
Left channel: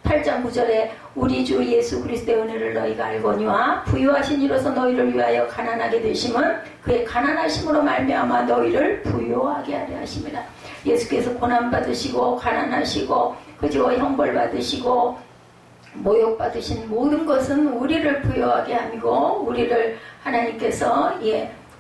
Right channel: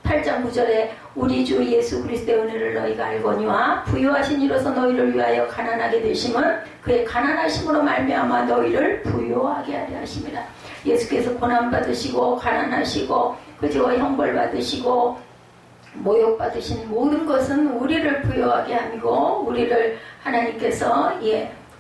8장 9절에 우리 주 예수 그리스도의 은혜를 너희가 알거니와 부유하신 이로서 너희를 위하여 가난하게 되심은 그의 가난하심으로 말미암아 너희를 부유하게 하려 하심이라. 예수께서 고난받으시고 가난하시고 그저 형벌받으시고 모욕받으신 모든 것은 우리를 부유하게 함이고 우리를 하나님께서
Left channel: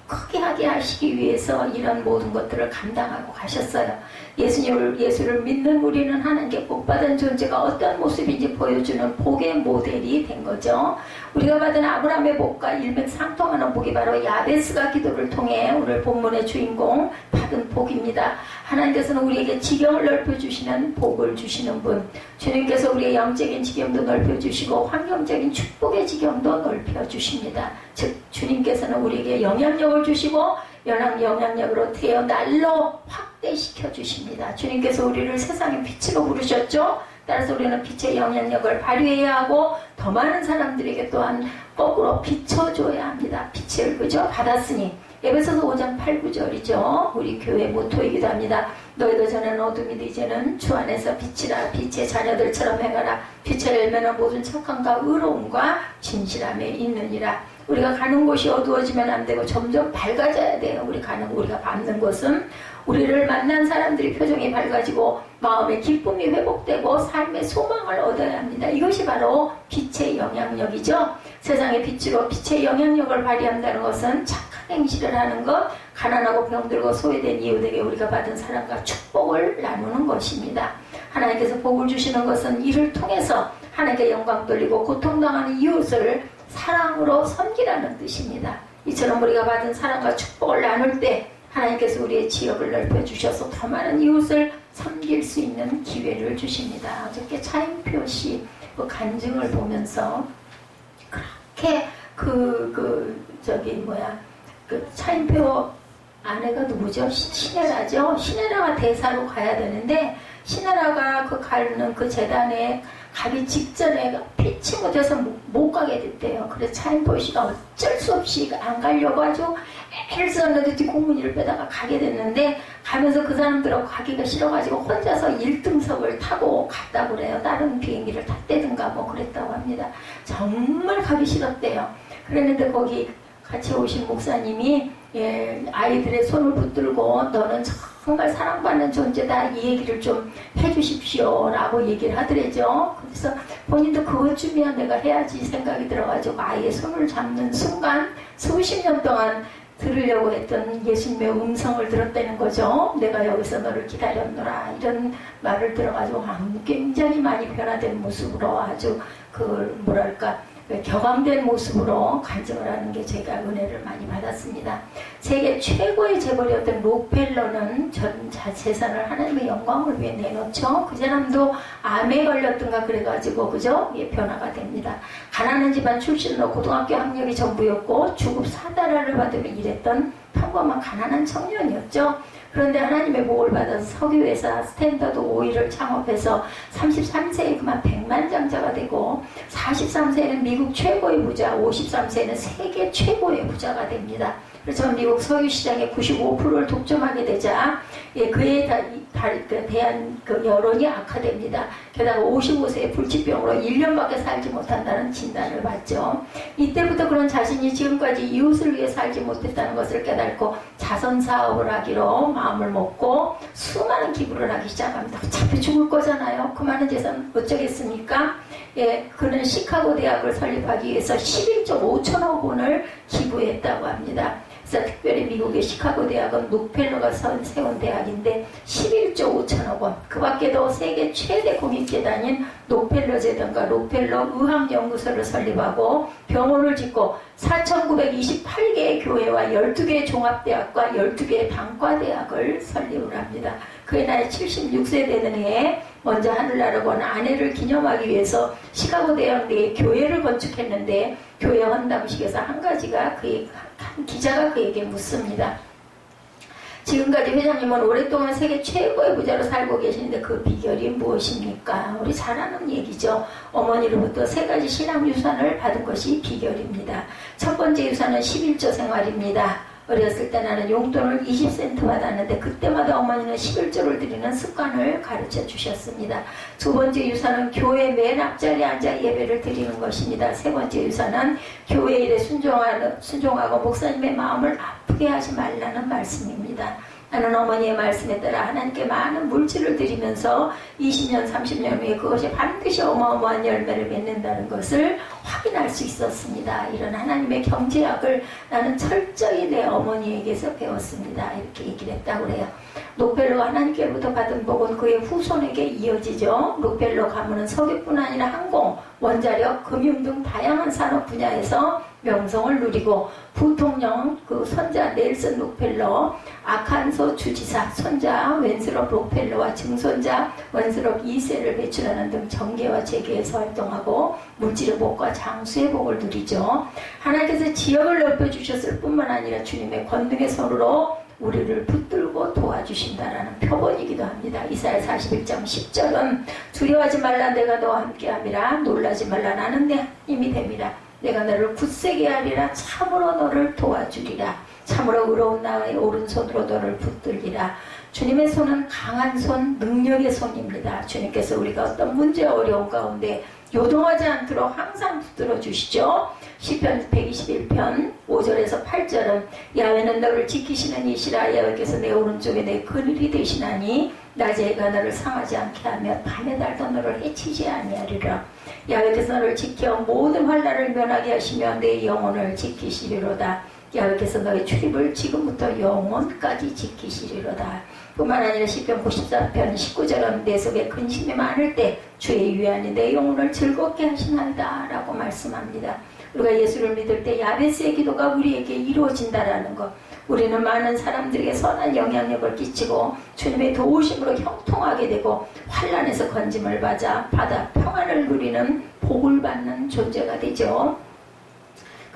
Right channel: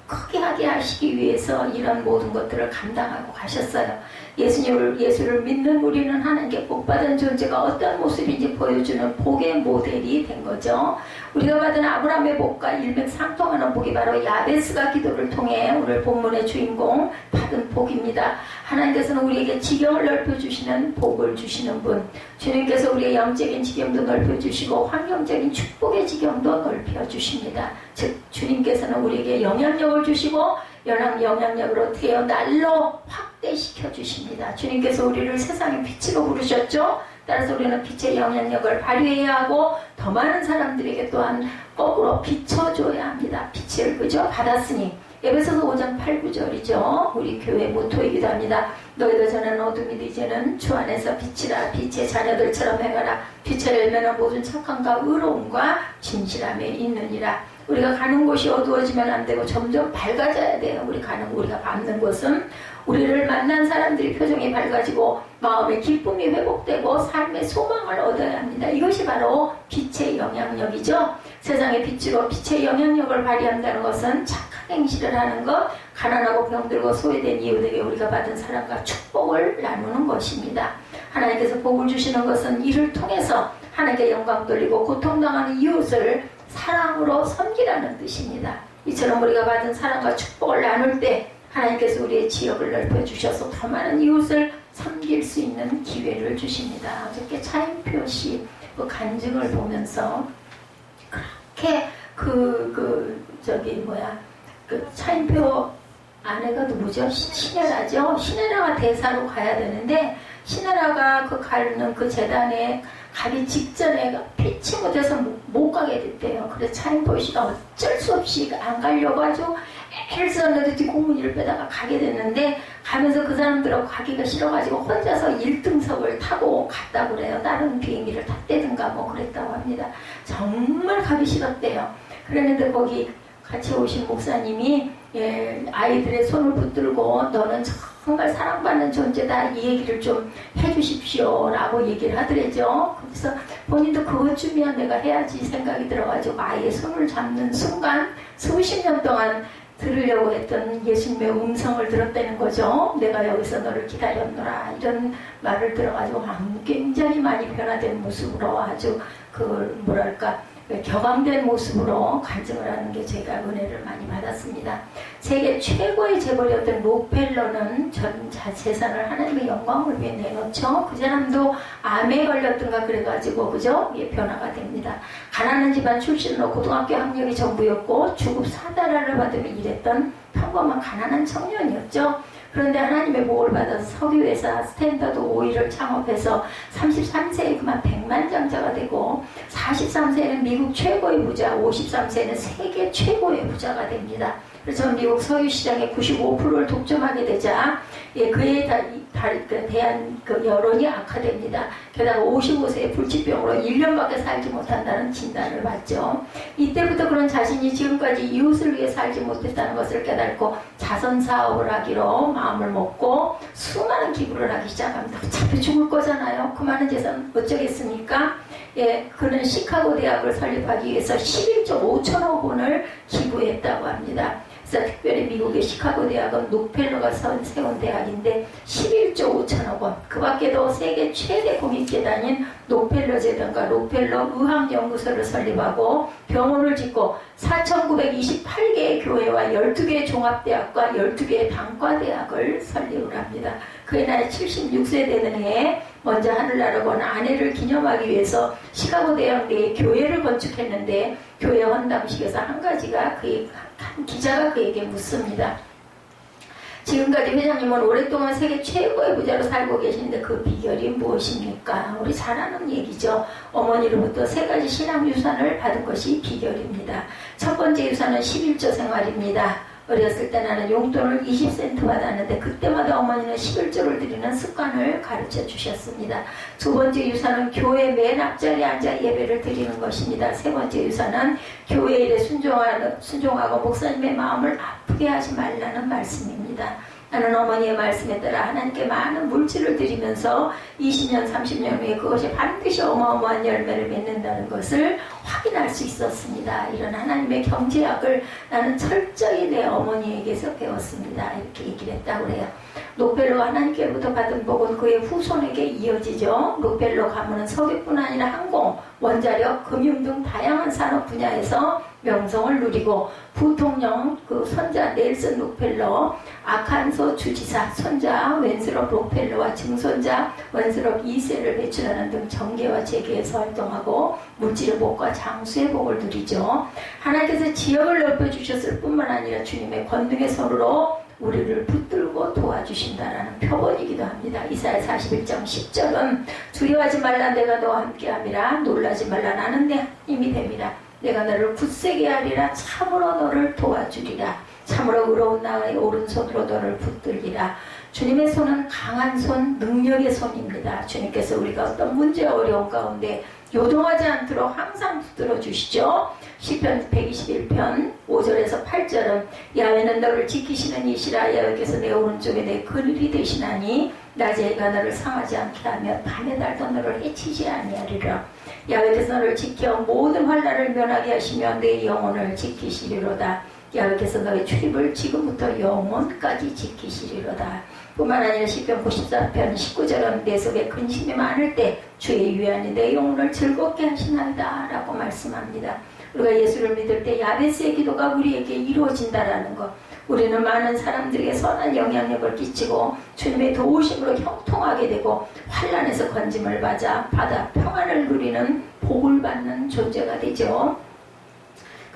크게 하게 하시기 위해서 이런 모든 것들을 감당하고 가셨어요. 예수를 믿는 우리는 하나님께 복받은 존재가 어떤 모습인지 보여주는 복의 모델이 된 거죠. 우리가 받은 아브라함의 복과 일맥상통하는 복이 바로 야베스가 기도를 통해 오늘 본문의 주인공 받은 복입니다. 하나님께서는 우리에게 지경을 넓혀주시는 복을 주시는 분, 주님께서 우리의 영적인 지경도 넓혀주시고 환경적인 축복의 지경도 넓혀주십니다. 즉 주님께서는 우리에게 영향력을 주시고 영향력으로 태어날로 확대시켜 주십니다. 주님께서 우리를 세상의 빛으로 부르셨죠. 따라서 우리는 빛의 영향력을 발휘해야 하고 더 많은 사람들에게 또한 거꾸로 비춰줘야 합니다. 빛을 그저 받았으니. 에베소서 5장 8, 9절이죠. 우리 교회 모토이기도 합니다. 너희도 전에는 어둠이도 이제는 주 안에서 빛이라. 빛의 자녀들처럼 행하라. 빛의 열매는 모든 착함과 의로움과 진실함에 있느니라. 우리가 가는 곳이 어두워지면 안 되고 점점 밝아져야 돼요. 우리가 받는 곳은 우리를 만난 사람들이 표정이 밝아지고 마음의 기쁨이 회복되고 삶의 소망을 얻어야 합니다. 이것이 바로 빛의 영향력이죠. 세상의 빛으로 빛의 영향력을 발휘한다는 것은 착한 행실을 하는 것, 가난하고 병들고 소외된 이웃에게 우리가 받은 사랑과 축복을 나누는 것입니다. 하나님께서 복을 주시는 것은 이를 통해서 하나님께 영광 돌리고 고통당하는 이웃을 사랑으로 섬기라는 뜻입니다. 이처럼 우리가 받은 사랑과 축복을 나눌 때 하나님께서 우리의 지역을 넓혀주셔서 더 많은 이웃을 섬길 수 있는 기회를 주십니다. 어저께 차인표 씨 그 간증을 보면서 그렇게 차인표 아내가 누구죠? 신혜라죠? 신혜라가 대사로 가야 되는데 신혜라가 가는 그 재단에 가기 직전에 피치 못해서 못 가게 됐대요. 그래서 차인표 씨가 어쩔 수 없이 안 가려고 아주 애를 썼는데 뒷공문이를 빼다가 가게 됐는데 가면서 그 사람들하고 가기가 싫어가지고 혼자서 1등석을 타고 갔다고 그래요. 다른 비행기를 탔대든가 뭐 그랬다고 합니다. 정말 가기 싫었대요. 그랬는데 거기 같이 오신 목사님이 아이들의 손을 붙들고 너는 정말 사랑받는 존재다 이 얘기를 좀 해주십시오 라고 얘기를 하더래죠. 그래서 본인도 그것쯤이야 내가 해야지 생각이 들어가지고 아이의 손을 잡는 순간 수십 년 동안 들으려고 했던 예수님의 음성을 들었다는 거죠. 내가 여기서 너를 기다렸노라 이런 말을 들어가지고 굉장히 많이 변화된 모습으로 아주 격앙된 모습으로 간증을 하는 게 제가 은혜를 많이 받았습니다. 세계 최고의 재벌이었던 록펠러는 전 재산을 하나님의 영광을 위해 내놓죠. 그 사람도 암에 걸렸던가 그래가지고 그죠? 변화가 됩니다. 가난한 집안 출신으로 고등학교 학력이 전부였고 주급 4달러를 받으며 일했던 평범한 가난한 청년이었죠. 그런데 하나님의 복을 받아서 석유회사 스탠더드 오일을 창업해서 33세에 그만 백만장자가 되고 43세에는 미국 최고의 부자, 53세에는 세계 최고의 부자가 됩니다. 그래서 미국 석유 시장의 95%를 독점하게 되자 그에 대한 여론이 악화됩니다. 게다가 55세의 불치병으로 1년밖에 살지 못한다는 진단을 받죠. 이때부터 그런 자신이 지금까지 이웃을 위해 살지 못했다는 것을 깨닫고 자선사업을 하기로 마음을 먹고 수많은 기부를 하기 시작합니다. 어차피 죽을 거잖아요. 그 많은 재산 어쩌겠습니까? 그는 시카고 대학을 설립하기 위해서 11조 5천억 원을 기부했다고 합니다. 그래서 특별히 미국의 시카고 대학은 록펠러가 세운 대학인데 11조 5천억 원. 그 밖에도 세계 최대 공익재단인 록펠러 재단과 록펠러 의학연구소를 설립하고 병원을 짓고 4,928개의 교회와 12개의 종합대학과 12개의 단과대학을 설립을 합니다. 그의 나이 76세 되는 해에 먼저 하늘나라 건 아내를 기념하기 위해서 시카고 대학 내에 교회를 건축했는데 교회 헌담식에서 한 기자가 그에게 묻습니다. 지금까지 회장님은 오랫동안 세계 최고의 부자로 살고 계시는데 그 비결이 무엇입니까? 우리 잘 아는 얘기죠. 어머니로부터 3가지 신앙 유산을 받은 것이 비결입니다. 첫 번째 유산은 11조 생활입니다. 어렸을 때 나는 용돈을 20센트 받았는데 그때마다 어머니는 11조를 드리는 습관을 가르쳐 주셨습니다. 두 번째 유산은 교회 맨 앞자리에 앉아 예배를 드리는 것입니다. 세 번째 유산은 교회 일에 순종하고 목사님의 마음을 아프게 하지 말라는 말씀입니다. 나는 어머니의 말씀에 따라 하나님께 많은 물질을 드리면서 20년, 30년 후에 그것이 반드시 어마어마한 열매를 맺는다는 것을 확인할 수 있었습니다. 이런 하나님의 경제학을 나는 철저히 내 어머니에게서 배웠습니다. 이렇게 얘기를 했다고 그래요. 록펠러가 하나님께로부터 받은 복은 그의 후손에게 이어지죠. 록펠러 가문은 석유뿐 아니라 항공, 원자력, 금융 등 다양한 산업 분야에서 명성을 누리고 부통령 그 손자 넬슨 록펠러, 아칸소 주지사 손자 웬스럽 록펠러와 증손자 웬스럽 2세를 배출하는 등 정계와 재계에서 활동하고 물질의 복과 장수의 복을 누리죠. 하나님께서 지역을 넓혀주셨을 뿐만 아니라 주님의 권능의 손으로 우리를 붙들고 도와주신다라는 표본이기도 합니다. 이사야 41장 10절은 두려워하지 말라 내가 너와 함께함이라 놀라지 말라 나는 내 힘이 됨이라 내가 너를 굳세게 하리라 참으로 너를 도와주리라 참으로 의로운 나의 오른손으로 너를 붙들리라. 주님의 손은 강한 손, 능력의 손입니다. 주님께서 우리가 어떤 문제 어려운 가운데 요동하지 않도록 항상 붙들어 주시죠. 시편 121편 5절에서 8절은 야훼는 너를 지키시는 이시라 여호와께서 내 오른쪽에 내 그늘이 되시나니 낮에 해가 너를 상하지 않게 하며 밤에 달도 너를 해치지 아니하리라. 야훼께서 너를 지켜 모든 환난을 면하게 하시며 내 영혼을 지키시리로다. 야훼께서 너의 출입을 지금부터 영원까지 지키시리로다. 뿐만 아니라 시편 94편 19절은 내 속에 근심이 많을 때 주의 위안이 내 영혼을 즐겁게 하시나이다 라고 말씀합니다. 우리가 예수를 믿을 때 야베스의 기도가 우리에게 이루어진다라는 것. 우리는 많은 사람들에게 선한 영향력을 끼치고 주님의 도우심으로 형통하게 되고 환난에서 건짐을 받아 평안을 누리는 복을 받는 존재가 되죠.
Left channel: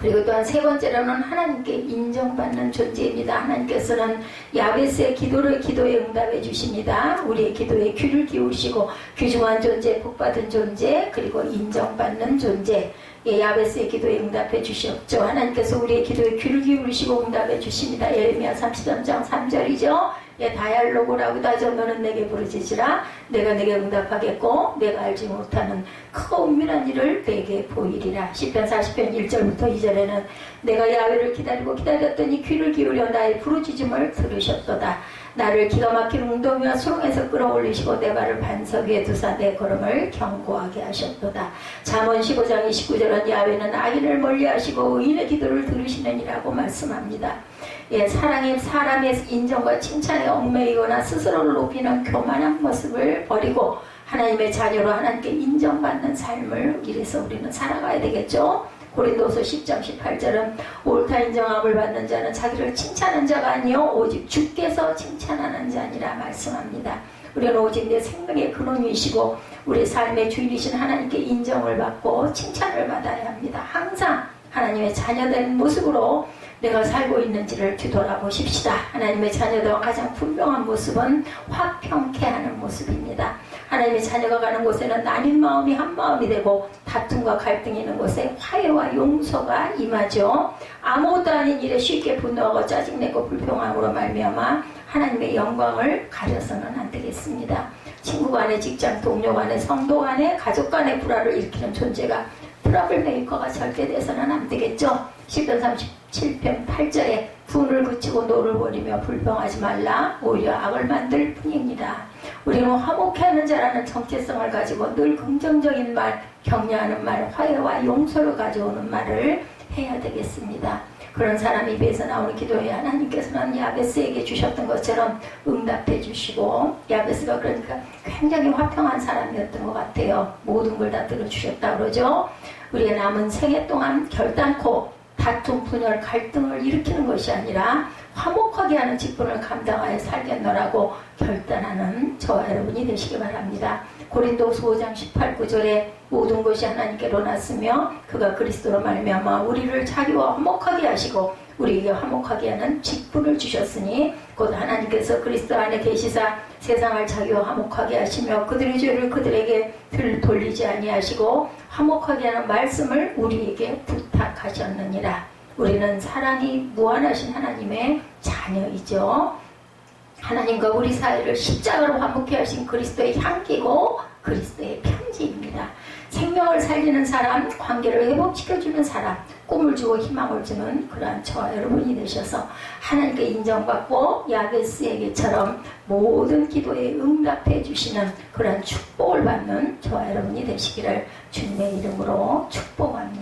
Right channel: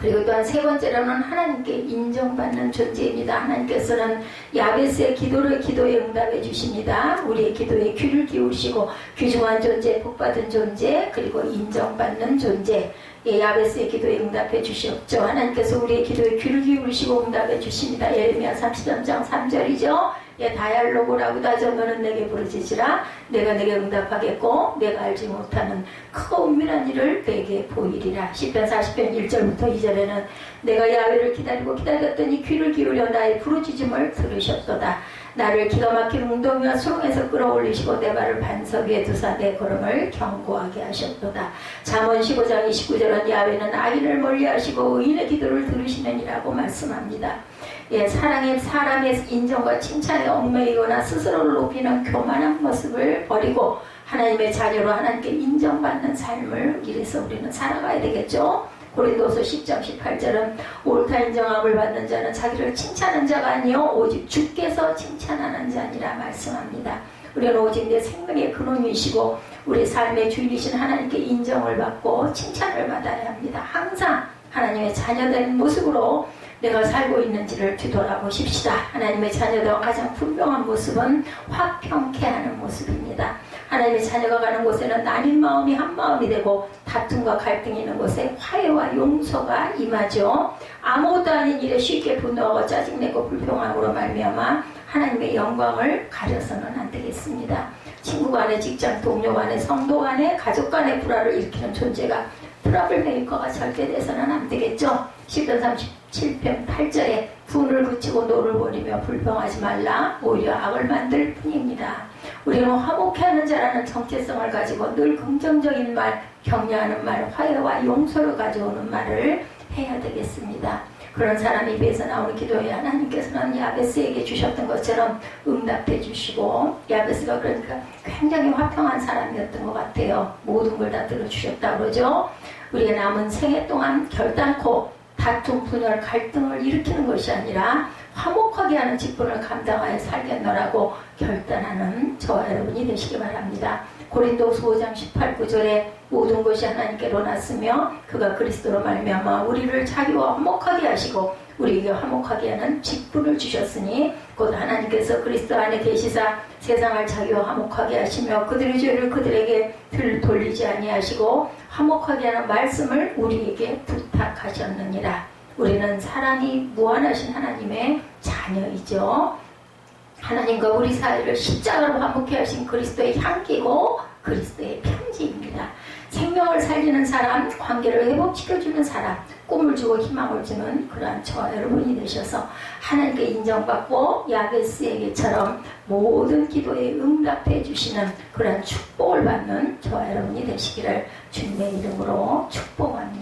그리고 또한 세 번째로는 하나님께 인정받는 존재입니다. 하나님께서는 야베스의 기도에 응답해 주십니다. 우리의 기도에 귀를 기울이시고 귀중한 존재, 복받은 존재, 그리고 인정받는 존재. 야베스의 기도에 응답해 주셨죠. 하나님께서 우리의 기도에 귀를 기울이시고 응답해 주십니다. 예레미야 33장 3절이죠. 다얄로고라고 하죠. 너는 내게 부르짖으라. 내가 내게 응답하겠고 내가 알지 못하는 크고 은밀한 일을 내게 보이리라. 시편 40편 1절부터 2절에는 내가 야훼를 기다렸더니 귀를 기울여 나의 부르짖음을 들으셨도다. 나를 기가 막힌 웅덩이와 수렁에서 끌어올리시고 내 발을 반석 위에 두사 내 걸음을 견고하게 하셨도다. 잠언 15장 29절은 야훼는 악인을 멀리하시고 의인의 기도를 들으시느니라고 말씀합니다. 사람의 인정과 칭찬에 얽매이거나 스스로를 높이는 교만한 모습을 버리고 하나님의 자녀로 하나님께 인정받는 삶을 이래서 우리는 살아가야 되겠죠. 고린도서 10장 18절은 옳다 인정함을 받는 자는 자기를 칭찬하는 자가 아니요 오직 주께서 칭찬하는 자니라 말씀합니다. 우리는 오직 내 생명의 근원이시고 우리 삶의 주인이신 하나님께 인정을 받고 칭찬을 받아야 합니다. 항상 하나님의 자녀된 모습으로 내가 살고 있는지를 뒤돌아보십시다. 하나님의 자녀도 가장 분명한 모습은 화평케 하는 모습입니다. 하나님의 자녀가 가는 곳에는 나뉜 마음이 한 마음이 되고 다툼과 갈등이 있는 곳에 화해와 용서가 임하죠. 아무것도 아닌 일에 쉽게 분노하고 짜증내고 불평함으로 말미암아 하나님의 영광을 가려서는 안 되겠습니다. 친구 간에, 직장 동료 간에, 성도 간에, 가족 간에 불화를 일으키는 존재가 트러블 메이커가 절대 돼서는 안 되겠죠. 시편 37편 8절에 분을 그치고 노를 버리며 불평하지 말라. 오히려 악을 만들 뿐입니다. 우리는 화목해 하는 자라는 정체성을 가지고 늘 긍정적인 말, 격려하는 말, 화해와 용서를 가져오는 말을 해야 되겠습니다. 그런 사람 입에서 나오는 기도에 하나님께서는 야베스에게 주셨던 것처럼 응답해 주시고, 야베스가 그러니까 굉장히 화평한 사람이었던 것 같아요. 모든 걸 다 들어주셨다 그러죠. 우리의 남은 생애 동안 결단코 다툼, 분열, 갈등을 일으키는 것이 아니라 화목하게 하는 직분을 감당하여 살겠노라고 결단하는 저와 여러분이 되시기 바랍니다. 고린도후서 5장 18, 9절에 모든 것이 하나님께로 났으며 그가 그리스도로 말미암아 우리를 자기와 화목하게 하시고 우리에게 화목하게 하는 직분을 주셨으니 곧 하나님께서 그리스도 안에 계시사 세상을 자기와 화목하게 하시며 그들의 죄를 그들에게 돌리지 아니하시고 화목하게 하는 말씀을 우리에게 부탁하셨느니라. 우리는 사랑이 무한하신 하나님의 자녀이죠. 하나님과 우리 사이를 십자가로 화목케 하신 그리스도의 향기고 그리스도의 편지입니다. 생명을 살리는 사람, 관계를 회복시켜주는 사람, 꿈을 주고 희망을 주는 그러한 저와 여러분이 되셔서 하나님께 인정받고 야베스에게처럼 모든 기도에 응답해 주시는 그러한 축복을 받는 저와 여러분이 되시기를 주님의 이름으로 축복합니다.